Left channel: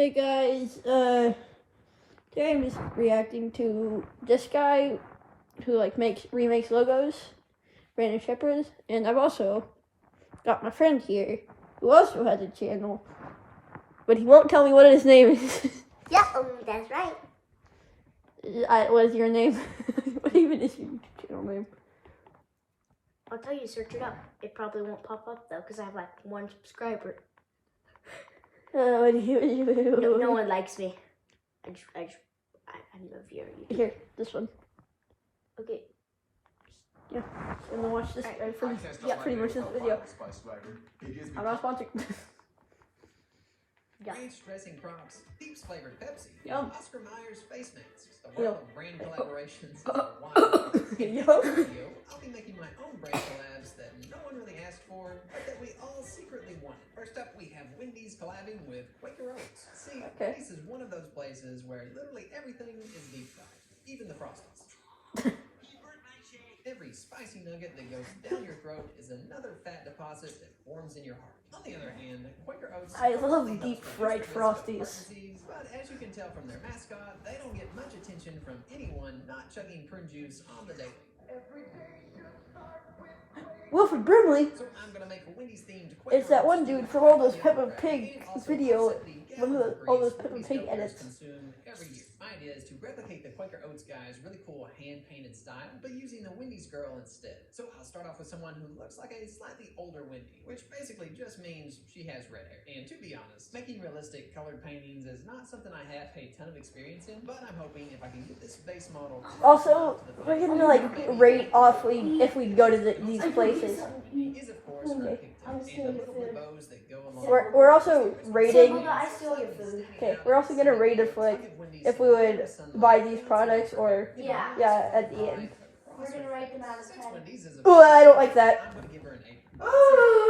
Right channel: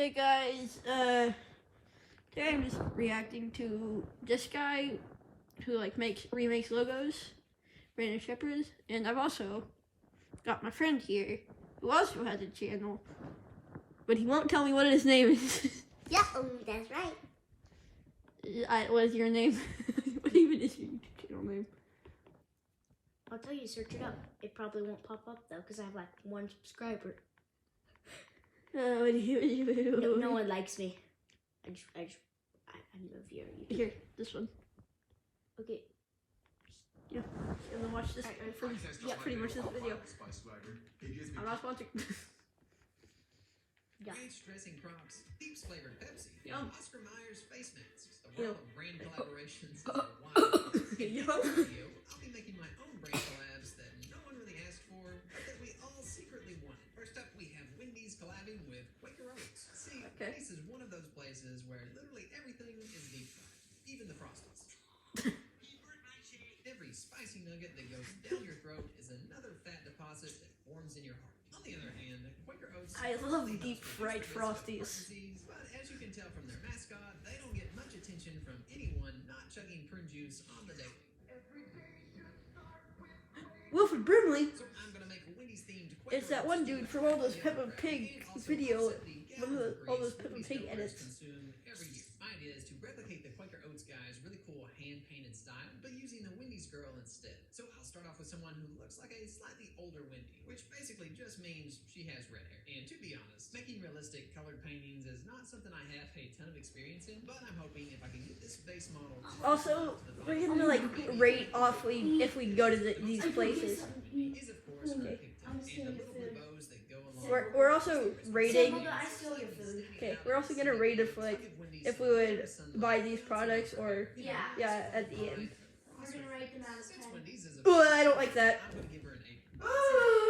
Hey guys, today I'm just reacting to this guy who like remakes logos, Brandon Shepard, and I've also got my friend here who also has a channel, but he won't tell me what his name is. Yeah, that's right. What is your name? What even is your channel name? I'll tell you, search it up. It probably won't pop up though, because I have like 1 subscriber. What do you? No one likes me. I need a viewer. Here, this one. Okay. Yeah, I'm gonna watch this. Pretty much this video. I'm not sponsored. Yeah. Ranch dressing prompts, Peeps flavored Pepsi, Yum. Oscar Myers face masks, the Yo. world of brand collaborations. In this video, I'll be making my own brand collabs that no one really asked for, but that we all secretly want. First up, we have Wendy's collabing with Quaker Oats. See, Okay. Wendy's is one of those places where literally everything is deep fried, even the Frosties. Every spicy nugget that goes down your throat is another fat deposit that forms in your heart. On the other hand, Quaker Oats... I love deep fried Frosties. But as you can tell from their mascot, they don't get much attention from anyone not chugging prune juice on the daily. Wilford Brimley. So I'm gonna make a Wendy's themed Quaker It's that one Oats dude steamer from all those and Peppa Pig also video, set the one of gallons all grease those Peppa Wendy's Pig gophers edits. consume every year. My idea is to replicate the Quaker Oats guy's really cool hand-painted style, but using the Wendy's girl instead. So I'll start off with someone who looks like a slightly older Wendy, which basically just means she has red hair. And to be honest, making realistic colored paintings is not something I have a ton of experience in, but I'm hoping if I can get this base model... Also, we're gonna like rate off if we go to these places. Is of course Okay. and the little blue bows that go along We're also rating. I steal your food. Okay, we're also gonna rate if we would buy these products or Yeah. at the end. We're gonna rate them out of 10. Oh, I don't like that. I'm gonna give her an 8.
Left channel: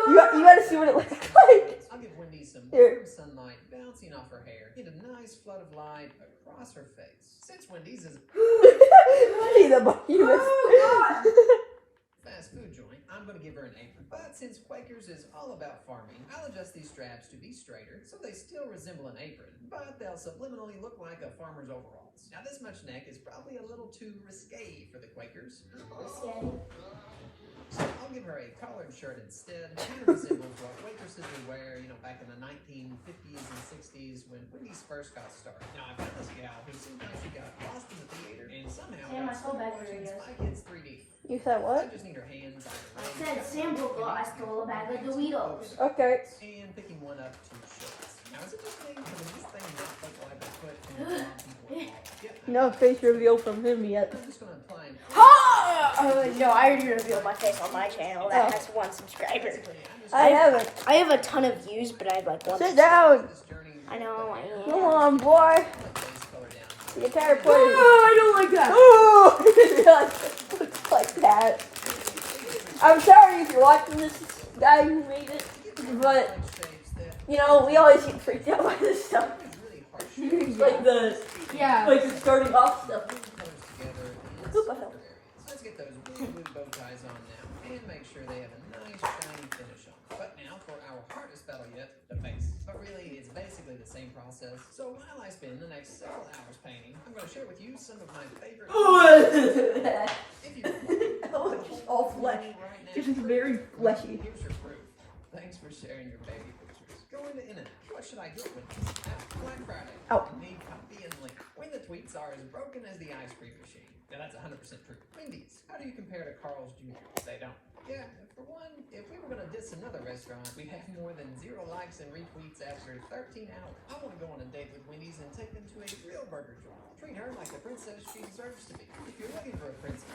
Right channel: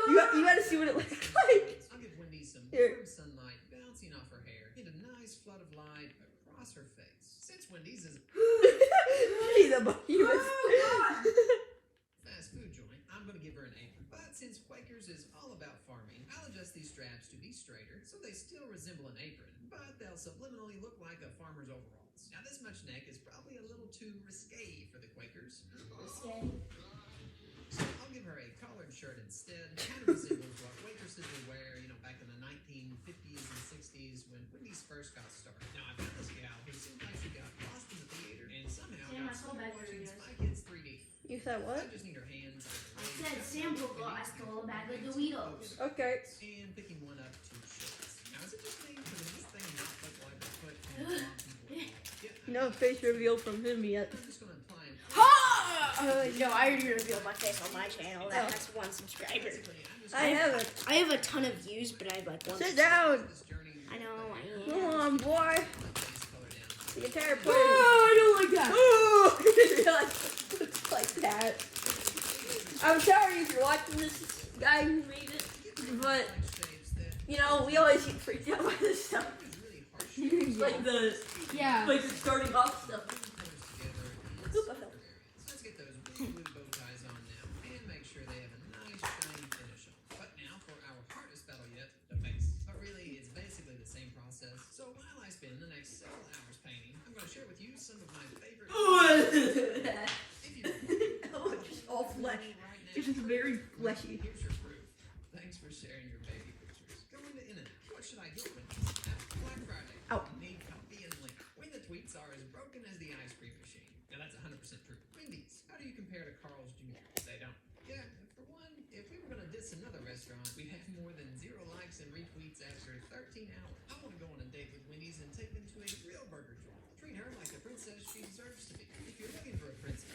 You gotta see what it looks like. I'll give Wendy some Here. warm sunlight bouncing off her hair, get a nice flood of light across her face. Since Wendy's is See the behemoth. fast food joint, I'm gonna give her an 8. But since Quaker's is all about farming, I'll adjust these straps to be straighter so they still resemble an apron, but they'll subliminally look like a farmer's overalls. Now this much neck is probably a little too risque for the Quakers. So I'll give her a collared shirt instead. Kind of resembles what waitresses would wear, back in the 1950s and 60s when Wendy's first got started. Now I've got this gal who seems like she got lost in the theater and somehow Sam, I got stole stuck that for watching you. Spy Kids 3D. You said I what? just need her hands. I said Sam thought I stole a bag of Doritos. Okay. And picking one up to shirts. Now is it just me, or does this thing not look like a foot from the wrong people? Yeah, No face reveal from him yet. I'm just gonna apply No, I already revealed my face on my channel. That has 1 subscriber. I haven't. I have a ton of views, but I have like 1. Sit down. this journey. I know. Come on, boy. Base color down. The entire point. I don't like that. Oh, I didn't realize it looks like that. I'm sorry if you're watching this guy who made it, but we always get freaked out by this stuff. Like the starting off stuff. Oop, I fell. Let's get those really blue bow ties on now and make sure they have a nice shiny finish on. But now for our hardest battle yet, the face. But really, it's basically the same process. So while I spend the next several hours painting, I'm going to share with you some of my favorite... If you Oh, it's just all flesh. right now, It's just very fleshy. here's your proof. Thanks for sharing your baby pictures. Go into internet. What should I get with this? Black Friday. Out. Need copy and link. When the tweets are as broken as the ice cream machine. Now that's 100% true. Wendy's. How do you compare to Carl's Jr.? They don't. Yeah, for one, if we were going to diss another restaurant, we'd have more than 0 likes and retweets after 13 hours. I want to go on a date with Wendy's and take them to a real burger joint. Treat her like the princess she deserves to be. If you're looking for a princess...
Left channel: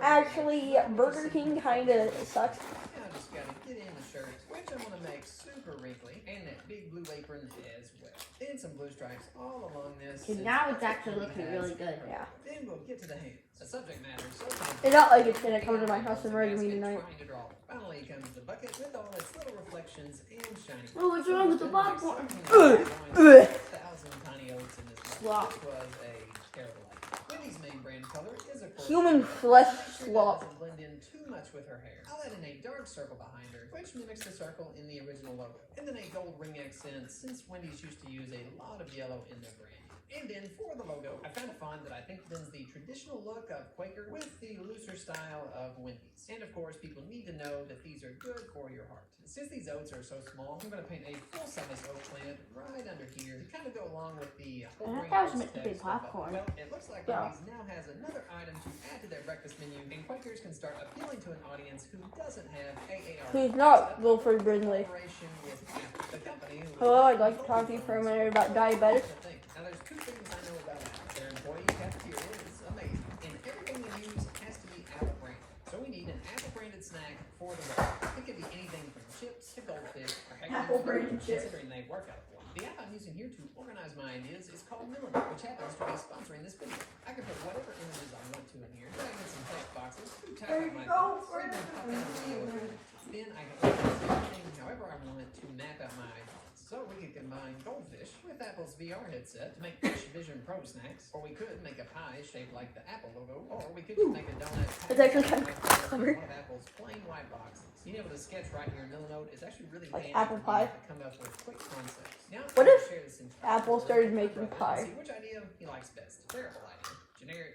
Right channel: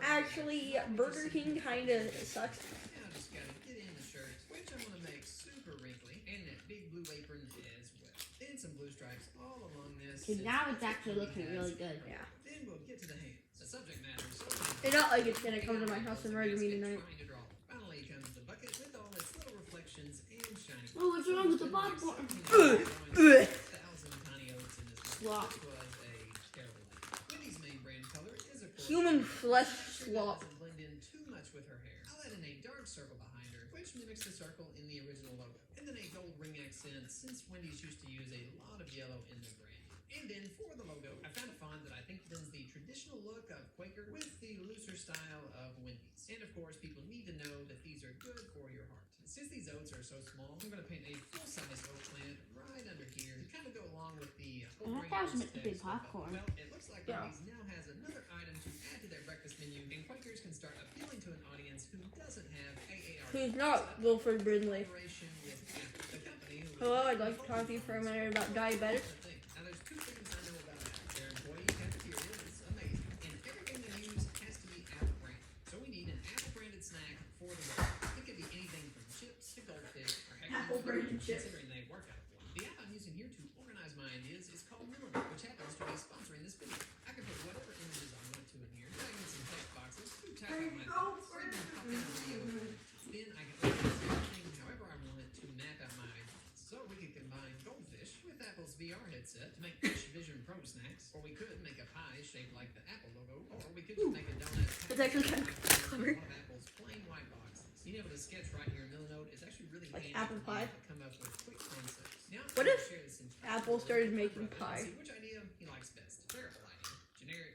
Actually, Burger King kinda sucks. Now I just gotta get in the shirt, which I'm gonna make super wrinkly, and that big blue apron as well. Then some blue stripes all along this. Now it's actually looking really good. Yeah. Then we'll get to the hands. The subject matter is so It's not like it's gonna come to my house and murder me tonight. Finally comes the bucket with all its little reflections and shiny. Oh, what's wrong with the popcorn? 1,000 tiny oats in this Slop. This was a terrible idea. Wendy's main brand color is of course Human flesh Sure that slop. doesn't blend in too much with her hair. I'll add in a dark circle behind her, which mimics the circle in the original logo. And then a gold ring accent, since Wendy's used to use a lot lot of yellow in their brand. And then for the logo, I found a font that I think blends the traditional look of Quaker with the looser style of Wendy's. And of course, people need to know that these are good for your heart. Since these oats are so small, I'm going to paint a full-size oat plant right under here to kind of go along with the whole I grain thought it was oats meant to be text. popcorn. Well, it looks like Yeah. Wendy's now has another item to add to their breakfast menu, and Quakers can start appealing to an audience who doesn't have AAR. Who's not Wilford Brindley? Collaboration with Apple, the company who Hello, I'd like to talk to you for a minute about diabetes. Now, there's two things I know about Apple. Their employee cafeteria is amazing, and everything we use has to be Apple branded. So we need an Apple branded snack for the road. It could be anything from chips to goldfish or heck, Apple branded chips. considering they work out for me. The app I'm using here to organize my ideas is called Milliner, which happens to be sponsoring this video. I can put whatever images I want to in here, drag in some text boxes, type There out you my go, thoughts, or even pop in a video. Then I can organize everything however I want it to map out my ideas. So we could combine goldfish with Apple's VR headset to make Fish Vision Pro snacks, or we could make a pie shaped like the Apple logo, or we could just make a donut. It's actually kind of one of Apple's plain white boxes. Being able to sketch right here in Millinote is actually really Like handy apple for me pie? to come up with quick concepts. Now, What I'm if gonna share this in Apple started making pie? See which idea he likes best. Terrible idea. Generic.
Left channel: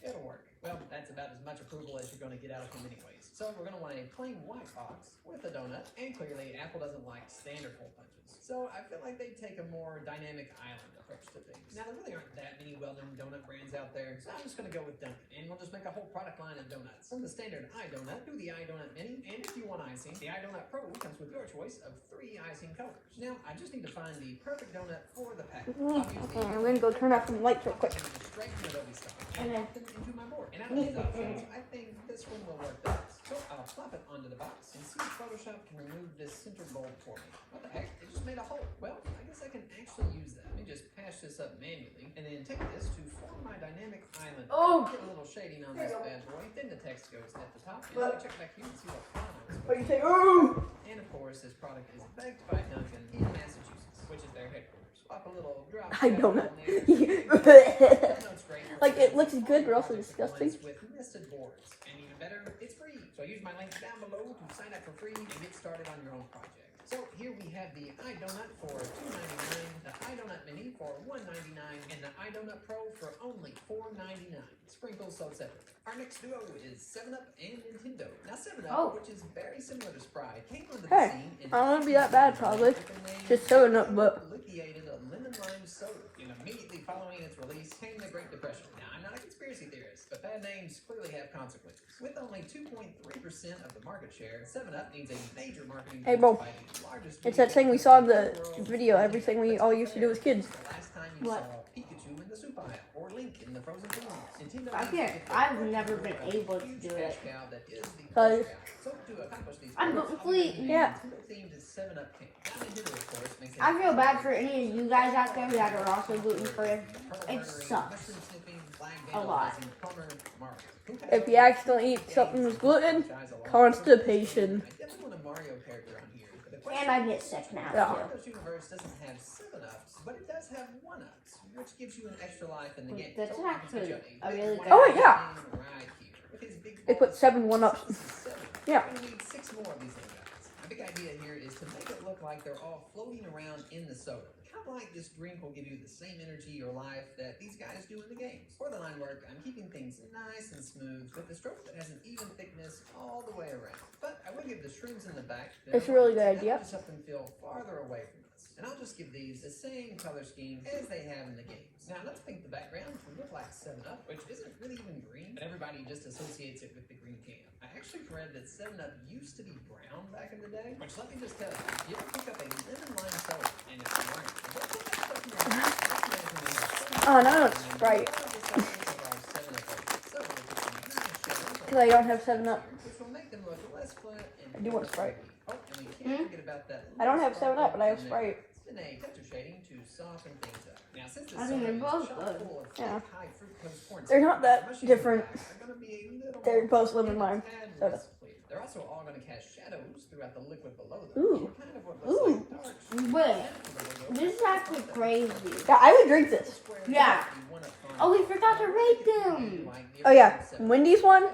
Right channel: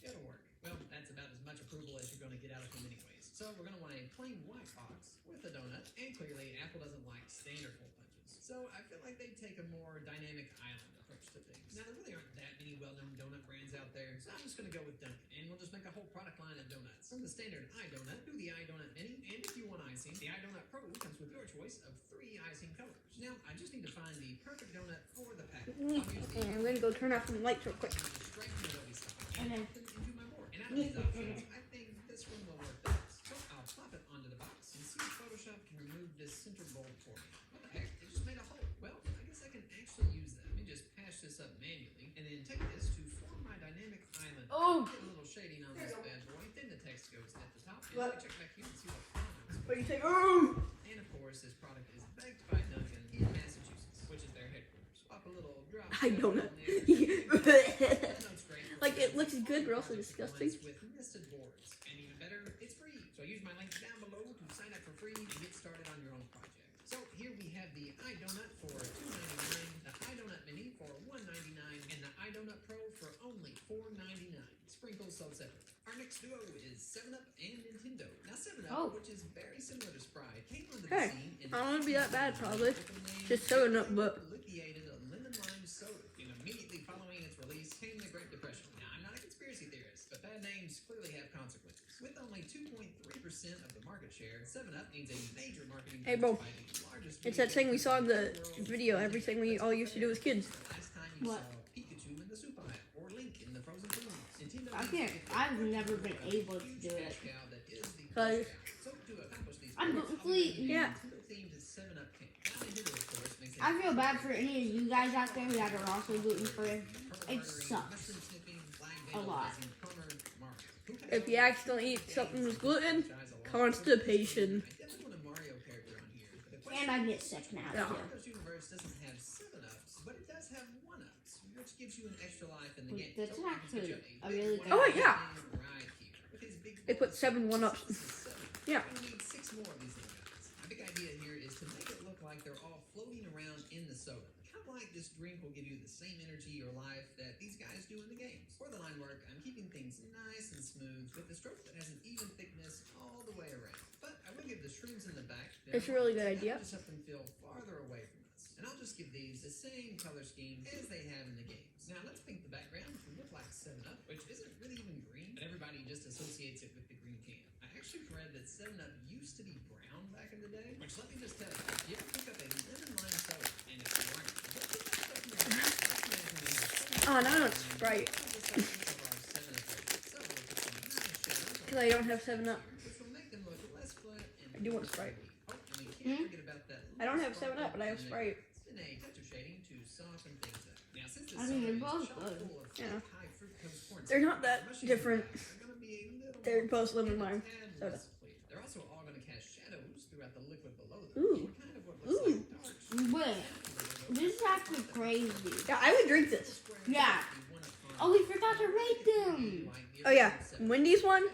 It'll work. Well, that's about as much approval as you're going to get out of him anyways. So we're going to want a plain white box with a donut, and clearly Apple doesn't like standard hole punches. So I feel like they take a more dynamic island approach to things. Now, there really aren't that many well-known donut brands out there, so I'm just going to go with Dunkin', and we'll just make a whole product line of donuts. From the standard iDonut to the iDonut Mini, and if you want icing, the iDonut Pro comes with your choice of 3 icing colors. Now, I just need to find the perfect donut for the package. I'm gonna go turn off some lights real quick. Straight from Adobe Stock And then- and put it into my board. And out of these options, I think this one will work best. So I'll plop it onto the box and see if Photoshop can remove this center bulb for me. What the heck? It just made a hole. Well, I guess I can actually use that. Let me just patch this up manually and then take this to form my dynamic island. Oh. Get a little shading on this bad boy. Then the text goes at the top. And I check back here and see what font I was What do you supposed say? Ooh! and of course, this product is baked by Dunkin' in Massachusetts, which is their headquarters. Swap a little drop. I don't know. Like, it looks good, but also disgusting. With nested boards, and even better, it's free. So use my link down below to sign up for free and get started on your own project. So here we have the iDonut for $2.99, the iDonut Mini for $1.99, and the iDonut Pro for only $4.99. Sprinkles sold separately. Our next duo is 7-Up and Nintendo. Now 7-Up, Oh. which is very similar to Sprite, came onto the Hey, scene in I don't wanna be that bad, probably. Just 7-Up, but- liquidated a lemon lime soda, and immediately following its release came the Great Depression. Now, I'm not a conspiracy theorist, but bad names clearly have consequences. With only 2.3% of the market share, 7-Up needs a major marketing Hey, bro. boost by the largest It's that thing we saw in the video, everything we all used to do as kids. The last time you What? saw Pikachu in the soup aisle or Link in the frozen foods. Nintendo I needs to can't- get their I've first never version been of able to huge do it. cash cow that is the Cause- cash cow. So to accomplish these I'm goals, gluten-free. I'm Yeah. themed 7-Up cake. Now, Nintendo, of course, makes a I feel bad for any of you guys out there that are also gluten free. It sucks. A lot. If you accidentally eat something with gluten, constipation. And I get sick now Yeah. too. Mario's universe doesn't have 7-Ups, but it does have 1-Ups, which gives you an extra life in the game. That's So I can actually put you a big really one good Oh, right yeah. here. With his big They put balls, 7 1-Ups. this is 7. Yeah. We need 6 more of these little guys. My big idea here is to make it look like they're all floating around in the soda. Kind of like this drink will give you the same energy or life that these guys do in the games. For the line work, I'm keeping things nice and smooth with a stroke that has an even thickness all the way around. But I will give the shrooms in the back. That's a really good idea. Just help them feel farther away from us. And I'll just give these the same color scheme as they have in the games. Now let's paint the background to look like 7-Up, which isn't really even green, but everybody just associates it with the green can. I actually read that 7-Up used to be brown back in the day, which let me just tell you, if you ever pick up a lemon lime soda and it's brown, don't put that stuff in your mouth. That's the only thing you know. Oh, no, it's Sprite. Because I don't have 7-Up. I do want Sprite. Oh, and we can't forget about that. I don't have 7-Up, but I have Sprite. It's been a texture shading to soften things up. Now, since this I mean, they're soda is both chock good. full of Yeah. high fructose corn They're syrup, not that mushrooms different. in the back are gonna be a little They're more both lemon lime and soda. less clear. They're also all going to cast shadows throughout the liquid below them. Ooh. Kind of what Ooh. looks like dark Wait, this is actually crazy. Yeah, I would drink this. Yeah. Oh, we forgot to rate them. Oh, yeah. Wendy's one,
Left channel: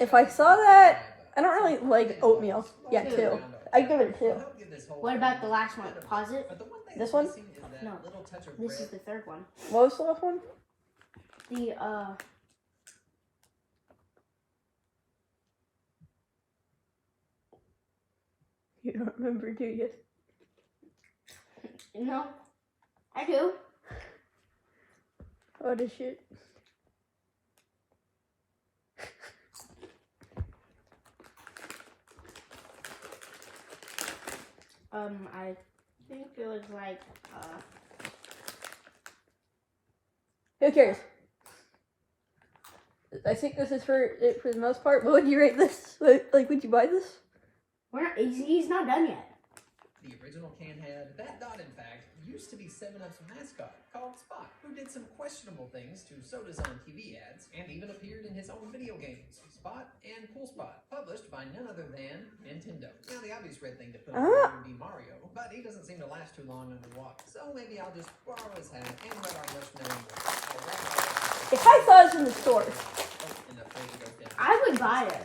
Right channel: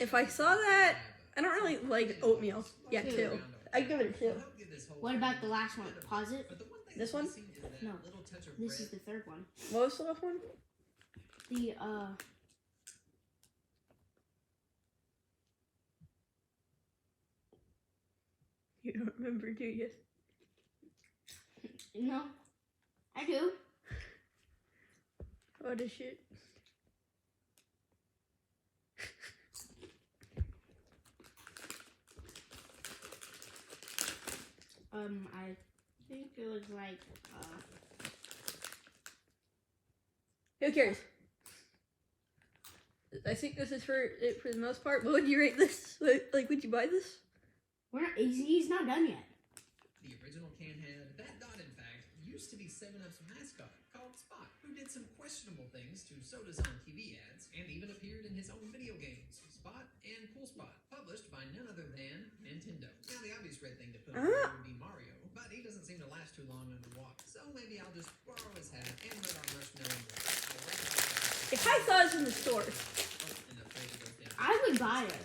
if I saw that, I don't really like oatmeal. Yeah, 2. I'd give it 2. What about the last one? Pause it. But the one This one? No. This is the third one. What was the last one? The You don't remember, do you? no, I do. What a shit. I think it was like Who cares? I think this is for it for the most part. What would you rate this? Like, would you buy this? he's not done yet. The original can had that dot, in fact, used to be 7-Up's mascot called Spot, who did some questionable things to sodas on TV ads and even appeared in his own video games, Spot and Pool Spot, published by none other than Nintendo. Now, the obvious red thing to put on there would be Mario, but he doesn't seem to last too long underwater. So maybe I'll just borrow his hat and let our marshmallow If I saw this in the store, I would buy it.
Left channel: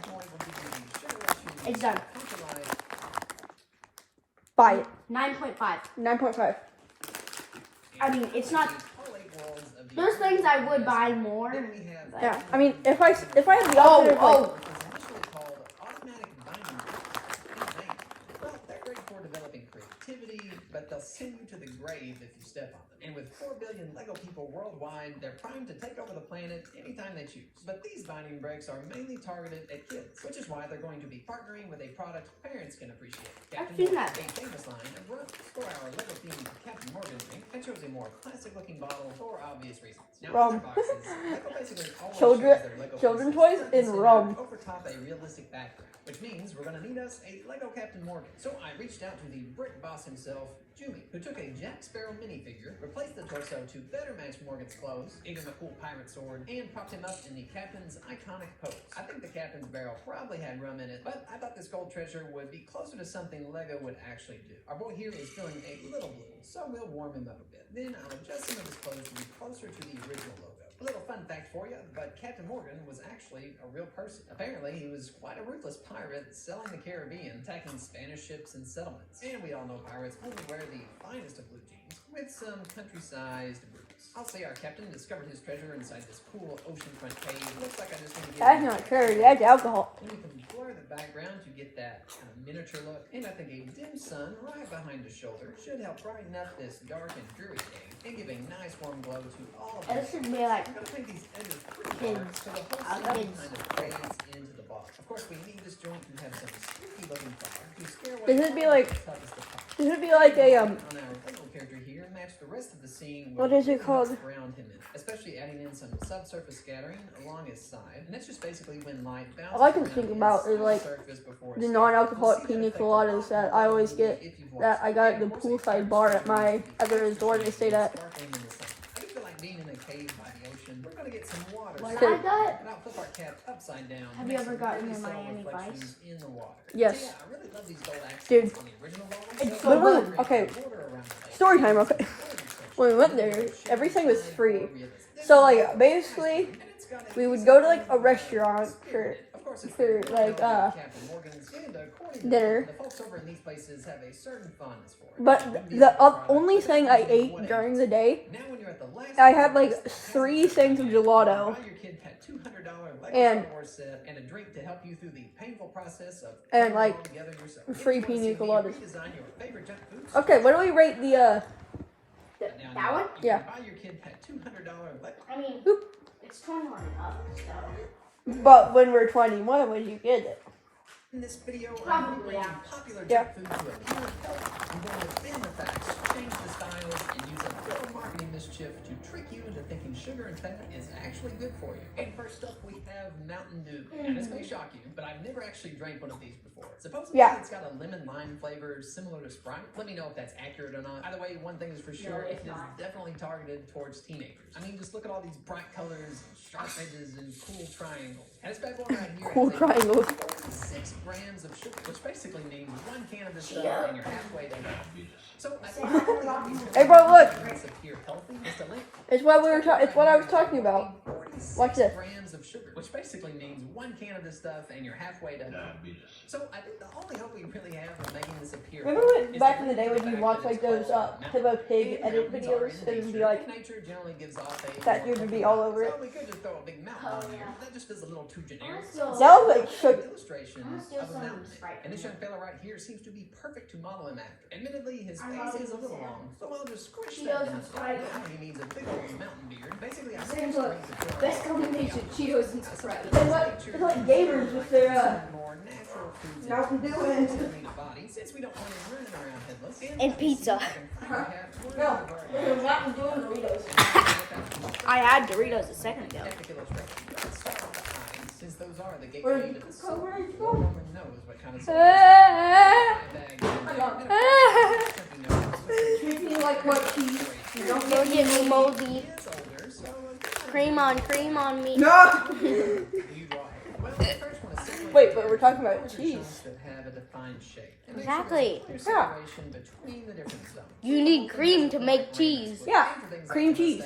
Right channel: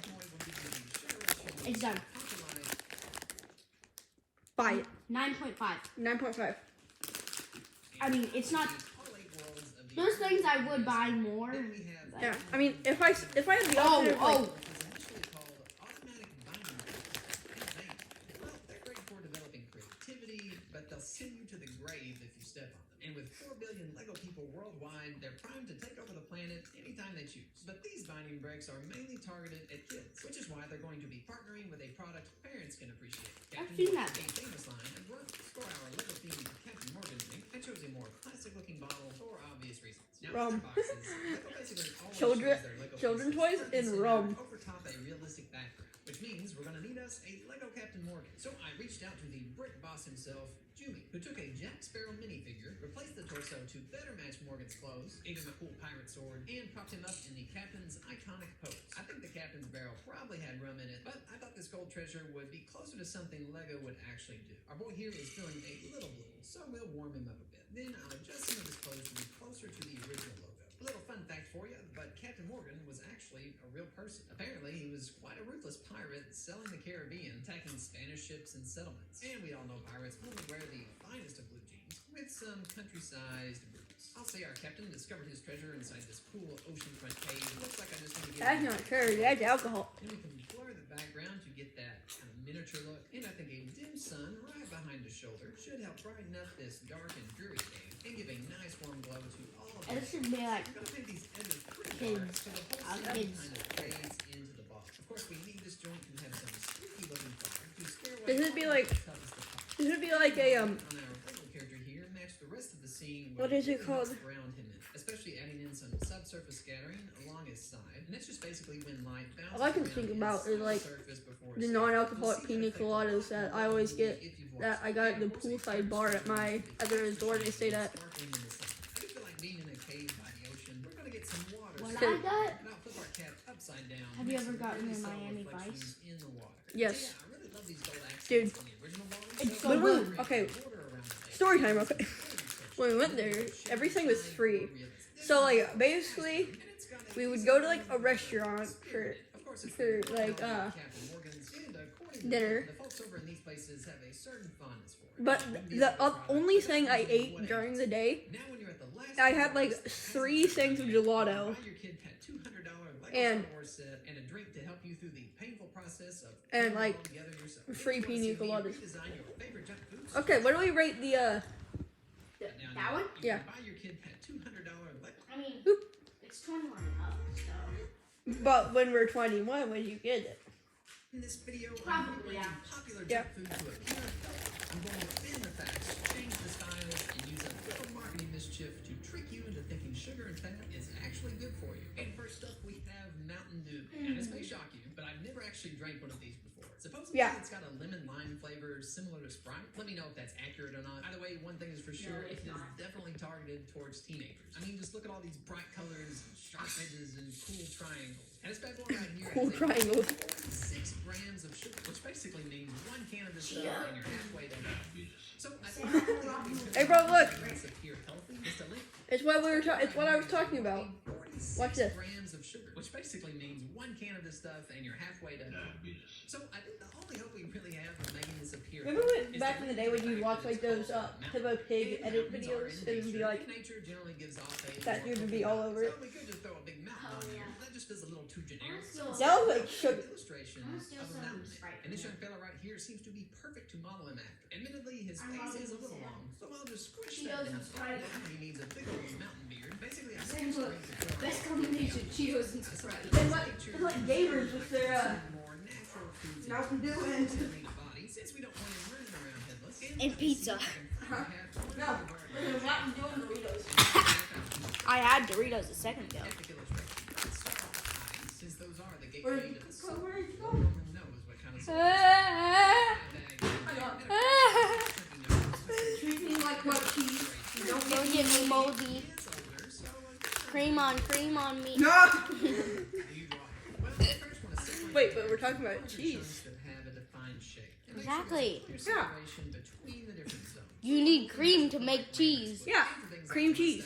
It's done. buy it. 9.5. 9.5. I mean, it's not. Those things I would buy more. Yeah, I mean, if I had the option of, like, They're great for developing creativity, but they'll send you to the grave if you step on them. And with 4 billion Lego people worldwide, they're primed to take over the planet anytime they choose. But these binding bricks are mainly targeted at kids, which is why they're going to be partnering with a product parents can appreciate. I've seen that. A famous line of runs for our Lego themed Captain Morgan drink. I chose a more classic looking bottle for obvious reasons. Now, Rum. boxes, Lego basically always Children- shows their Lego children pieces toys front and center rum. over top a realistic background, which means we're gonna need us a Lego Captain Morgan. So I reached out to the brick boss himself, Jumi, who took a Jack Sparrow minifigure, replaced the torso to better match Morgan's clothes, gave him a cool pirate sword, and propped him up in the captain's iconic pose. I think the captain's barrel probably had rum in it, but I thought this gold treasure would be closer to something Lego would actually do. Our boy here is feeling a little blue, so we'll warm him up a bit. Then I'll adjust some of his clothes to be closer to the original logo. A little fun fact for you, but Captain Morgan was actually a real person. Apparently, he was quite a ruthless pirate selling the Caribbean, attacking Spanish ships and settlements. And we all know pirates only wear the finest of blue jeans, with some country-sized boots. I'll say our captain discovered his treasure inside this cool oceanfront cave. Looks like I just want to get that's not true. That's alcohol. then we can blur the background to get that kind of miniature look. And I think a dim sun right behind his shoulder should help brighten up this dark and dreary cave and give a nice warm glow to all of This should be like I'm gonna paint these edges pretty dark so the whole scene kids. kind of fades into the box. Of course, we need this joint to have some spooky looking fire to scare away Does it be like- the toughest of pirates. This would be like a, On our Lego character here, match the rest of the scene What with is it really called? what's around him, especially adding in some subsurface scattering along his side. And that's just basically when light bounces All I can around think his about is, like, surface before the it's non-alcoholic You'll see pina that effect a coladas lot that more I always easily get, if you've watched that I it. got at And the of course, poolside a bar clear at my sparkling other resort I stayed at. sparkling in the sun. I do feel like being in a cave by the ocean. We're gonna get some water. When so- I got- and I'll flip our cap upside down. Have make you ever some gotten really in subtle Miami reflections Vice? in the water. Yes. So, yeah, I really love these gold accents Dude. on the original bottle. It's So so when good. we Okay. create water around the lake, Story time, okay. it's When we went there, everything was free. This So, is like, nice, basically, and it's got a we would decent go to, like, a flavor. restaurant Of course, it's for, the like, Captain Morgan's, and according to dinner. the folks over in these places have a certain fondness for it. But It wouldn't be the a product, only but thing I it's ate what it during is. the day, Now when you're at the last I had, like, place that has 3 a things of buy gelato. your kid that $200 Lego And- Star Wars set and a drink to help you through the painful process of And, putting it like, all together yourself. free You just wanna pina see me coladas. redesign your favorite junk foods? Okay, what do we rate the, Now, That one? you Yeah. can buy your kid that $200 Lego. I mean, it's 21 up, so. but when we're 21, when you get it? In this video, I'm Probably, bringing yeah. popular Yeah. junk food to a pure health. I'm going to bend the facts, change the styles, and use a little marketing mischief to trick you into thinking sugar and fat is actually good for you. And first up, we have Mountain Dew. And this may shock you, but I've never actually drank one of these before. Supposedly, Yeah. it's got a lemon-lime flavor similar to Sprite. Let me know if that's accurate or not. Either way, one thing is for sure, it's it is not. definitely targeted towards teenagers. I mean, just look at all these bright colors, and sharp edges, and cool triangles. And this bad boy right here Cool has a triangles. 46 grams of sugar, which basically means one can of this stuff and you're halfway there. So I think Hey, bro, look. it's a pure healthy. It's a link. It's what we were. It's what I was talking about. 6 Watch this. grams of sugar, which basically means 1 can of this stuff and you're halfway done. Diabetes. So I think the only hope we really have for making this appear. Remember when, is back to in the day when the you fact watch that like it's those called Mountain Hippo Pig Dew. edit Mountains are videos? in It would be nature, like and nature generally gives off a that dude would be all over it. So we could just throw a big mountain Oh, on yeah. there. That just feels a little too generic. That That was like An sugar. illustration I'm gonna steal of a some mountain. Sprite And this from young fella right here seems to be perfect to model him after. Admittedly, his I'm face is a modeling little Sam. long, so I'll just squish Cheetos that down. and Sprite. Now he needs a big old mountain beard. Basically, I Same look. Best combination, Cheetos and Sprite. It's like gamers with their more natural foods Mountain Dew into and the body, since we don't want him running around headless. And pizza. no, Mountain Dew and Doritos. I had Doritos a second ago. Since those are the Where gateway did to you the go? soul, Where did you no go? one knows what kind of Treat me like what cheese. You don't Don't get get me moldy. Cream on me. No! Wait, but we're talking about cheese. Exactly. Yeah. You need cream to make cheese. Yeah, cream cheese.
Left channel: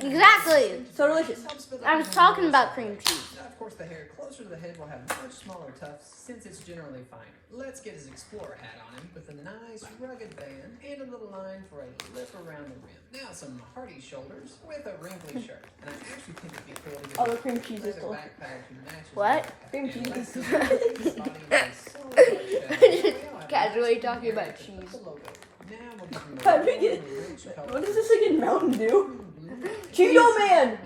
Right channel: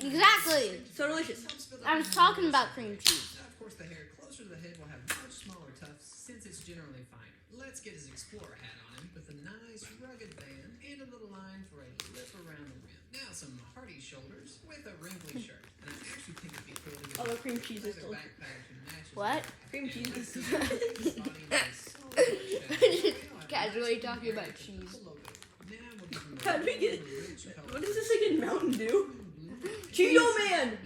Exactly. So delicious. I was talking about cream cheese. Now, of course, the hair closer to the head will have much smaller tufts since it's generally finer. Let's get his explorer hat on him with a nice rugged band and a little line for a lip around the rim. Now some hearty shoulders with a wrinkly shirt. And I actually think if you could, Oh, the cream cheese is leather delicious. backpack matches What? the back. Cream cheese And is let's his body with a solid shadow. Casually talking about With cheese. the logo. Now we'll give him a How do we get- rich color. What is this again? Mountain Dew? Cheeto Man!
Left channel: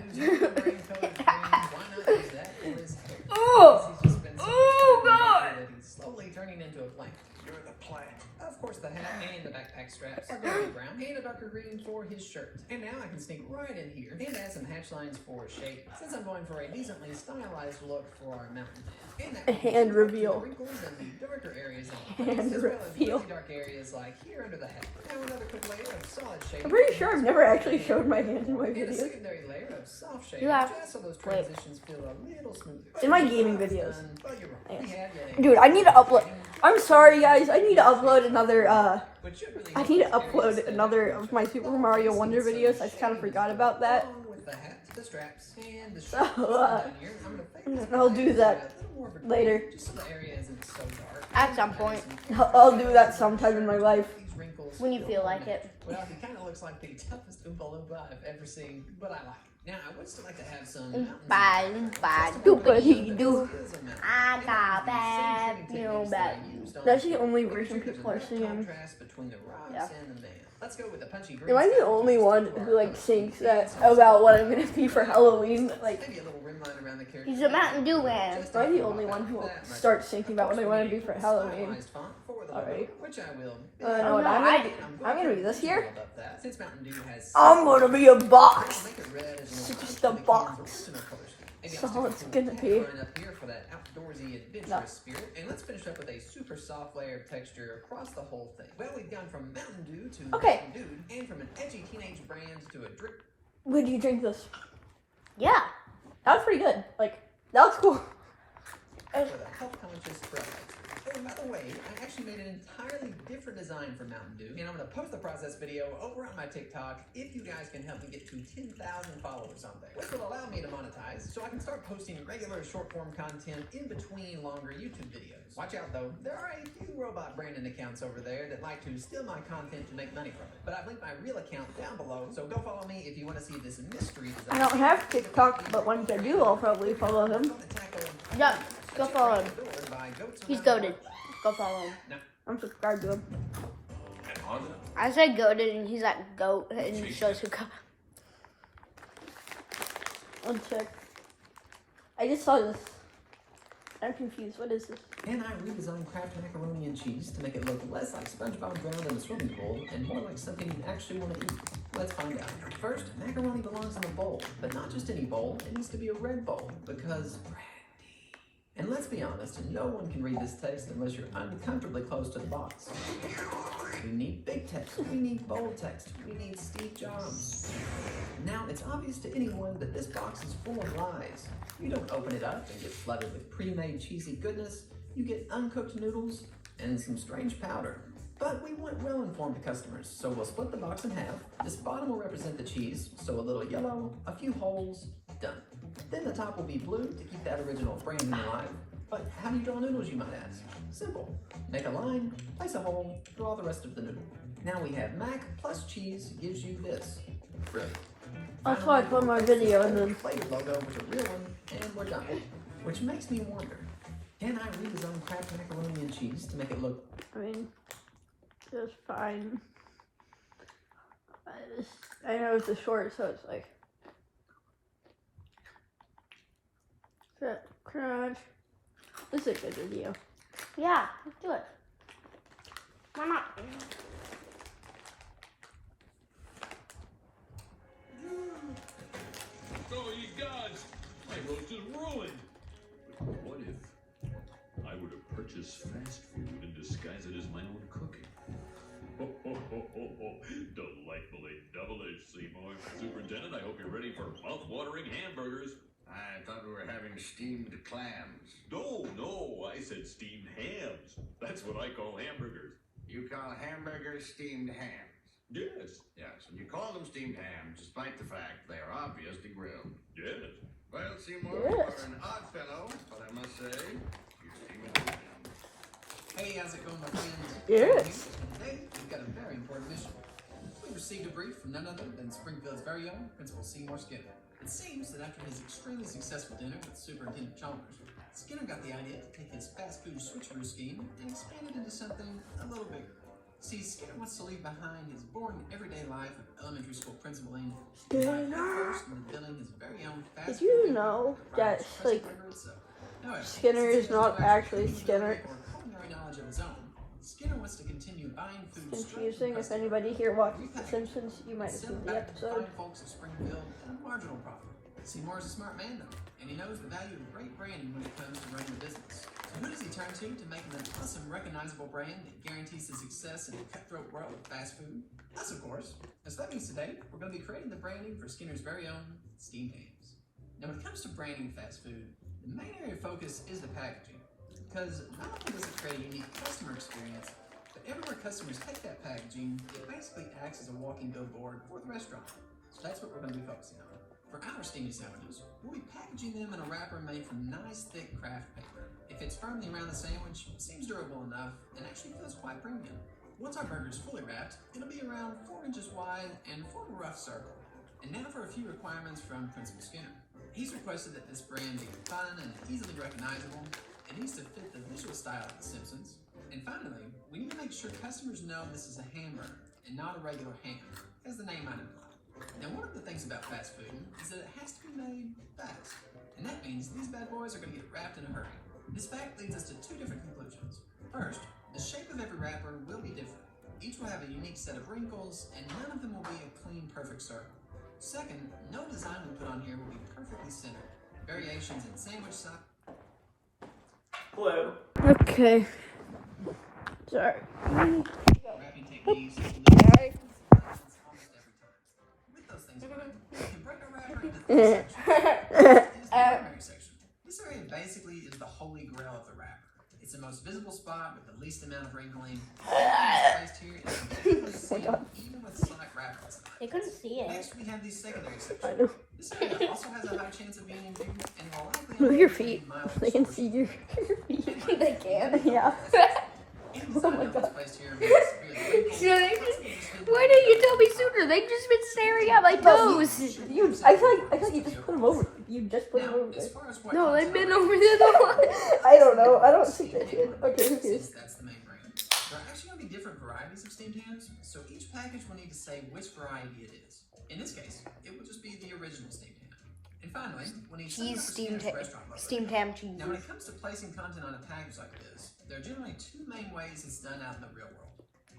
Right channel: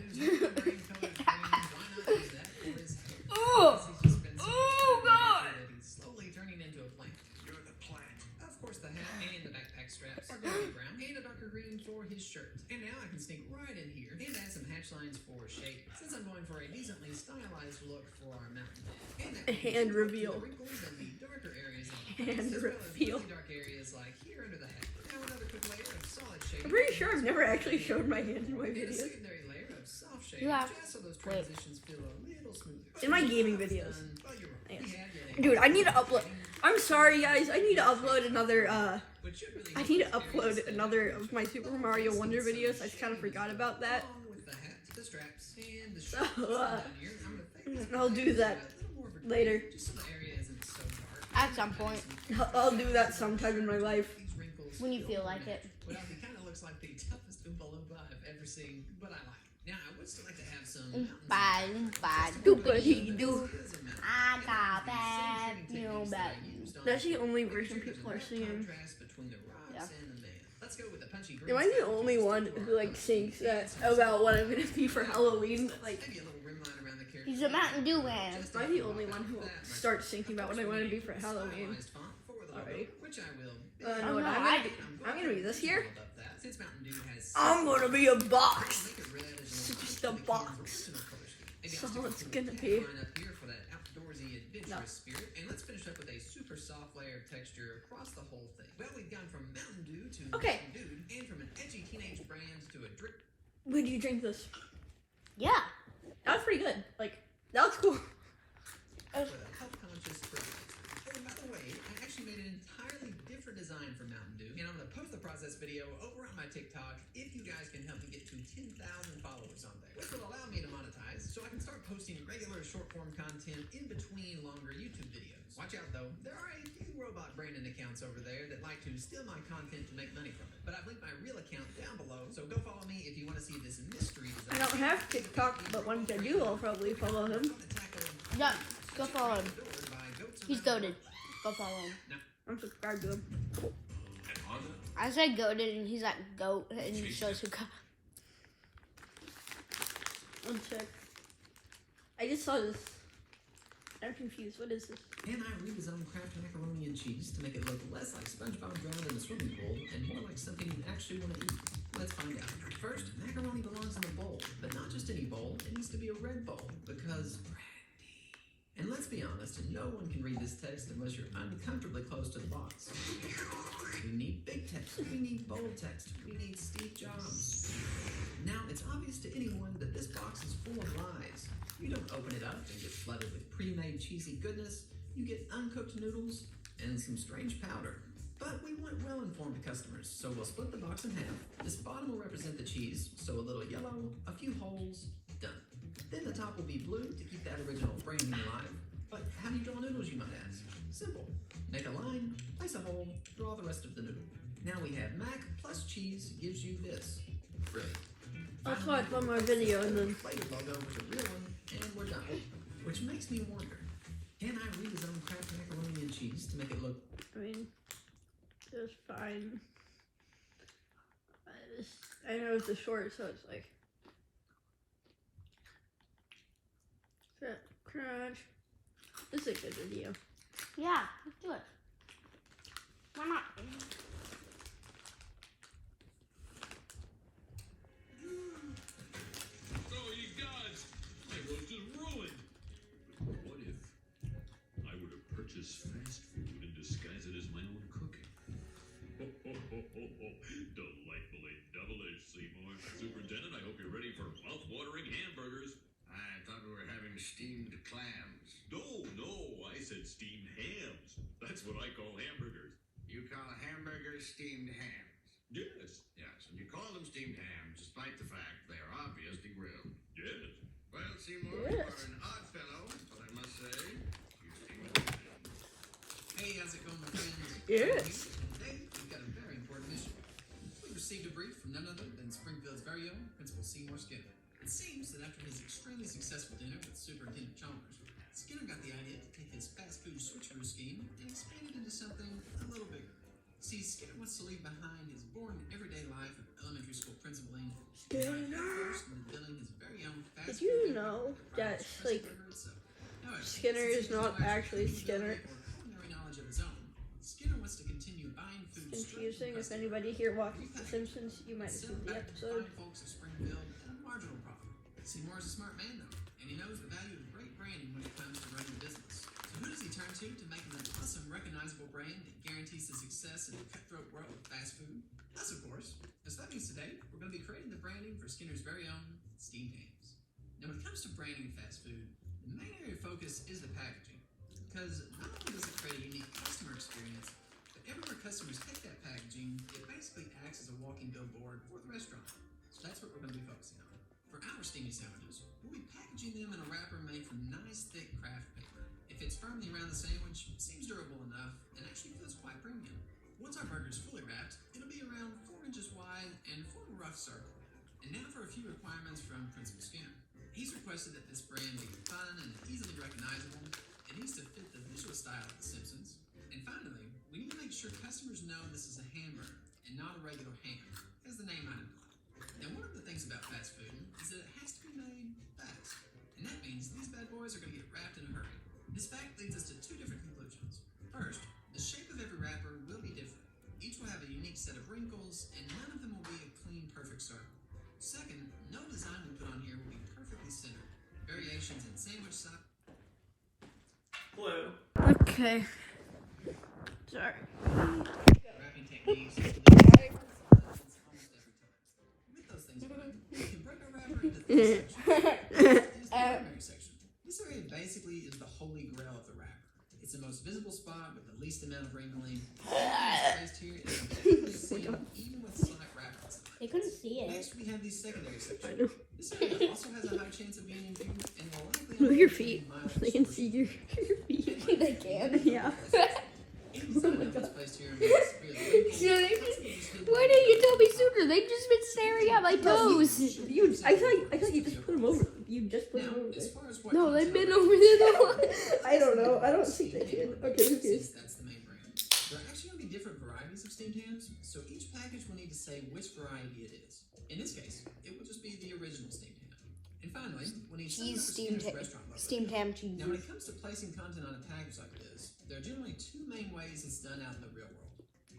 Oh! Oh, God! Slowly turning into a plant. You're the plant. Of course, the hat and the backpack straps are going to be brown and a darker green for his shirt. And now I can sneak right in here and add some hatch lines for shape, since I'm going for a decently stylized look for our mountain. And that Hand reveal. the wrinkles and the darker areas of the Hand face, as well as reveal. really dark areas like here under the hat. Now another quick layer of solid shape. I'm pretty sure I've never actually showed my hands in my And a videos. secondary layer of soft shade, You have- just so those wait. transitions feel a little smoother. In my gaming videos. But you're wrong. Yes. We have yet Dude, I need to upload. I'm sorry, guys. I need to upload another. But should really I need to upload another of my Super Mario Wonder videos. I kind of forgot about that. Along with the hat, the straps, and the So, shoes down here, I'm gonna fade this I'll black do to that a little more of a later. gray, just so the area isn't so dark. At some point. I'll do that sometime in my life. These wrinkles When you feel more like it. natural. Well, he kind of looks like the toughest Oompa Loompa I've ever seen, but I like it. Now, I would still like to have some mountains Doopity-doo. I got bad news about you. That's the only version people are singing. Yeah. Let's go with the punchy green Am I the style. only one who like sings that about what I'm gonna be for Halloween? Like, Maybe a little rim line around the character. He's a Mountain Dew man. Just am I to the block only out one who will that much. start thinking about what I want to be for Stylized Halloween? font for the logo, Alright. which I will. No, what no, I'm gonna be this here. Since Mountain Dew has I'm gonna be a box. Make it red as It's an just a original box. color scheme. Maybe So I'll it's stick gonna a be- line up here for that outdoorsy adventurous No. spirit. And let's finish up with a super soft layer of texture across the whole thing. Well, we've gone from Mountain Dew to Okay. Mountain Dude, and from an edgy teenage brand to a drip When do you drink this? Yeah. That was pretty good. Like, that was cool. with a health-conscious product. Oh, by the way, I actually made an entirely different design for Mountain Dew, and I'm going to post the process video over on my TikTok if you guys can help me get to 10,000 followers on there, which will allow me to monetize so I can start posting regular short-form content in between longer YouTube videos. Watch out, though. There are a few robot branding accounts over there that like to steal my content to make money from it, but I've linked my real account down below, so go follow me if you want to see this mystery design. I don't have TikTok, but once I do, I'll probably follow him. Yeah. Go follow him. He's goated. Go follow him. I'm subscribed to him. And Honda. I said goated and he's like goat and he shows who got. One sec. I just saw this. I'm confused. What is this? And I redesigned Kraft macaroni and cheese to make it look less like SpongeBob drowned in a swimming pool and more like something you actually want to eat. Let's find out. First, macaroni belongs in a bowl, but not just any bowl. It needs to be a red bowl because brandy. And let's be honest, no one can read this text unless you're uncomfortably close to the box. We need big text. We need bold text. We need Steve Jobs. Now, it's obvious to anyone that this box is full of lies. You don't open it up and get flooded with pre-made cheesy goodness. You get uncooked noodles and some strange powder. But we want well-informed customers, so we'll split the box in half. This bottom will represent the cheese, so a little yellow, a few holes, Done. Then the top will be blue to keep that original branding alive. But how do you draw noodles, you might ask? Simple. Make a line, place a hole, draw the rest of the noodle. Now we have mac plus cheese gives you this. Brilliant. I'll watch one more video and then. Play your logo with a real one, and we're done. Which makes me wonder, can I rezone Kraft macaroni and cheese to make it look... I mean, just fine. I know it's a short, so it's like. Crunch. This is a good video. Yeah, let's do it. Why not? Oh, you guys! My roast is ruined! But what if I were to purchase fast food and disguise it as my own cooking? Ho, ho, ho, ho, ho. Delightfully double-edged, Seymour. Superintendent, I hope you're ready for mouth-watering hamburgers. I thought we were having steamed clams. No, I said steamed hams. That's what I call hamburgers. You call hamburgers steamed hams? Yes. Yes, and you call them steamed hams despite the fact they are obviously grilled. Yes. Well, Seymour, Yes. you're an odd fellow, but I must say, you seem intelligent. Hey, how's it going, my friends? Yes. Today, we've got a very important mission. We received a brief from none other than Springfield's very own Principal Seymour Skinner. It seems that after his extremely successful dinner with Superintendent Chalmers, Skinner got the idea to take his fast food switcheroo scheme and expand it into something a little bigger. See, Skinner wants to leave behind his boring everyday life of elementary school principaling and dive first into building his very own fast Did you food know that that, rides like, Burger itself. However, Skinner since is he has not no actually culinary Skinner? or culinary knowledge of his own, Skinner wants to continue buying food Confusing. If anybody here watches The Simpsons, you might have seen the episode. Fine folks of Springfield at a marginal profit. Seymour is a smart man, though, and he knows the value of great branding when it comes to running a business. So who does he turn to make him an awesome, recognizable brand that guarantees his success in the cutthroat world of fast food? Us, of course. And so that means today, we're going to be creating the branding for Skinner's very own steamed hams. Now, when it comes to branding fast food, the main area of focus is the packaging. Because not only does it create a unique customer experience, but everywhere customers take that packaging, it basically acts as a walking billboard for the restaurant. So that's what we're going to be focusing on. For our steamy sandwiches, we'll be packaging them in a wrapper made from nice, thick craft paper. It fits firmly around the sandwich, seems durable enough, and actually feels quite premium. Once our burger's fully wrapped, it'll be around 4 inches wide and form a rough circle. And now for a few requirements from Principal Skinner. He's requested that this brand be fun and easily recognizable. It needs to fit the visual style of The Simpsons. And finally, we need to make sure customers know this is a hamburger and not a regular ham, as the name might imply. Now, one of the things about fast food is that it has to be made fast. And that means these bad boys are going to get wrapped in a hurry. This fact leads us to 2 different conclusions. First, the shape of every wrapper will be different. Each will have a unique set of wrinkles, and none of them will be a clean, perfect circle. Second, no design we put on here will be perfectly centered. Variations in sandwich size. Hello. Okay. Sorry. Wrapping techniques. With those things, we can break a wrapper into 3 sections. Here's the primary section. This area basically is the holy grail of the wrapper. It's the most visible spot with the least amount of wrinkling. Placed here is completely seen, even with slight wrappers. They couldn't see it. Next, we have these secondary I sections. know. This area also has a high chance of being in view and will likely Move your contain feet. mild They can see distortion. your feet. They can? Yeah. Any design elements placed here may be severely wrinkled. Yeah, they Why didn't you tell me sooner? They've just been staring at my toes. I thought you just put them over. You just put them Now, over as there. far as what No, comes they've been out, over there the whole I don't know. I don't think they did. Okay, who cares? since that's the main brand. There are actually going to be different varieties of steamed hams, so each package will need to say which variety it is. In this case, it will just be the original steamed ham. And finally, we'll need some Cheese, steamed, restaurant logo. steamed ham cheese. Now, when it comes to placing content on a package like this, there are generally 2 main ways it's done out in the real world.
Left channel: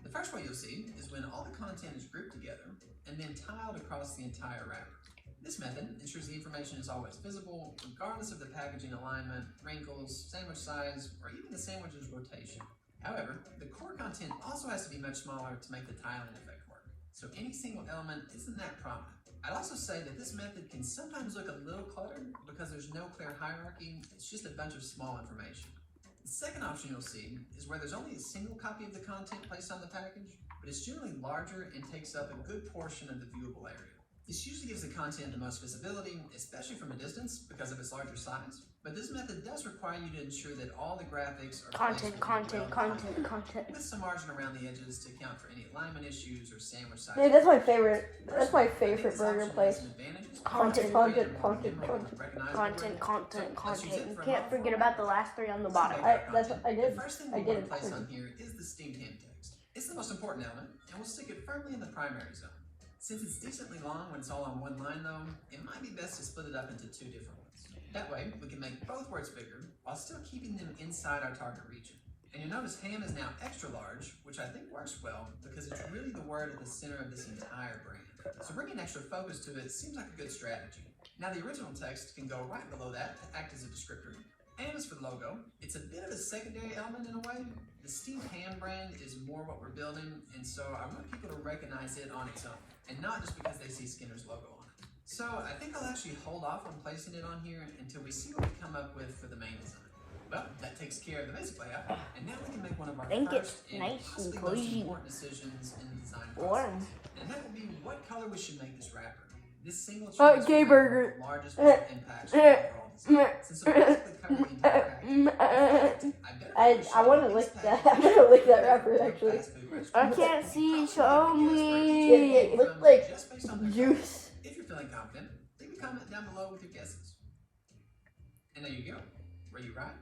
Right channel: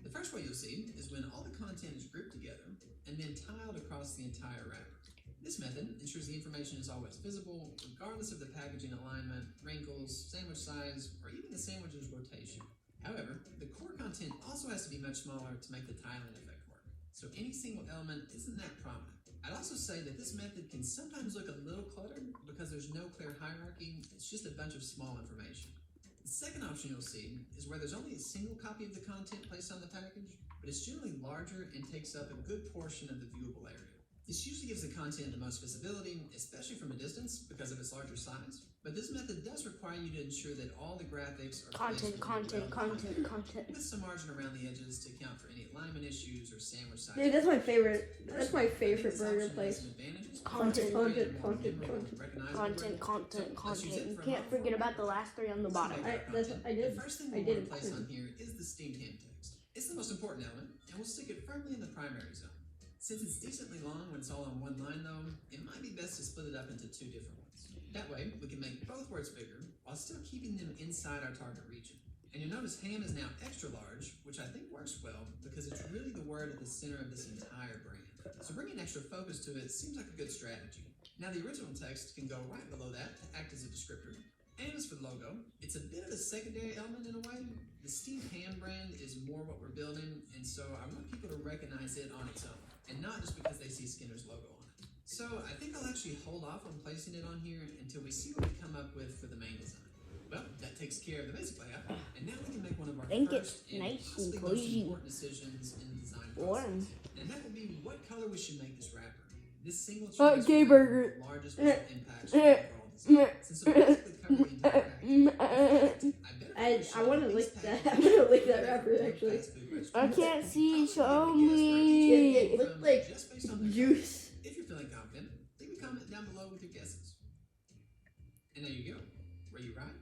The first way you'll see is when all the content is grouped together and then tiled across the entire wrapper. This method ensures the information is always visible, regardless of the packaging alignment, wrinkles, sandwich size, or even the sandwich's rotation. However, the core content also has to be much smaller to make the tiling effect work, so any single element isn't that prominent. I'd also say that this method can sometimes look a little cluttered because there's no clear hierarchy, it's just a bunch of small information. The second option you'll see is where there's only a single copy of the content placed on the package, but it's generally larger and takes up a good portion of the viewable area. This usually gives the content the most visibility, especially from a distance because of its larger size. But this method does require you to ensure that all the graphics are Content, placed content, well behind content, you, content. with some margin around the edges to account for any alignment issues or sandwich size. Dude, that's my favorite. That's my Personally, I think favorite this burger option has place. some advantages. Content, content, content, Memorable, content. recognizable Content, word. content, So, let's use content. it You for a can't mouthful. forget about the last 3 on the bottom. That's what I did. The first thing I we did want to it. place on here is the steamed ham text. It's the most important element, and we'll stick it firmly in the primary zone. Since it's decently long when it's all on one line though, it might be best to split it up into 2 different ones. That way, we can make both words bigger while still keeping them inside our target region. And you'll notice ham is now extra large, which I think works well because it's really the word at the center of this entire brand. So bringing extra focus to it seems like a good strategy. Now the original text can go right below that to act as a descriptor. And as for the logo, it's a bit of a secondary element in a way. The steamed ham brand is more what we're building, and so I want people to recognize it on its own, and not just because they see Skinner's logo on it. So I think I'll actually hold off on placing it on here until we see what we come up with for the main design. Well, that takes care of the basic layout, and now we can make one of our Think first it's and nice possibly and most cozy. important decisions in the design Warm. process. And that will be what color we should make this wrapper. This single choice gay will make burger. one of the largest visual impacts from the overall design. Since it'll basically cover the entire package. I want to lick that. I want to lick that wrapper actually. I can't see, show me. It looked like juice. If you're feeling confident, leave a comment down below with your guesses. And there you go. Were you right?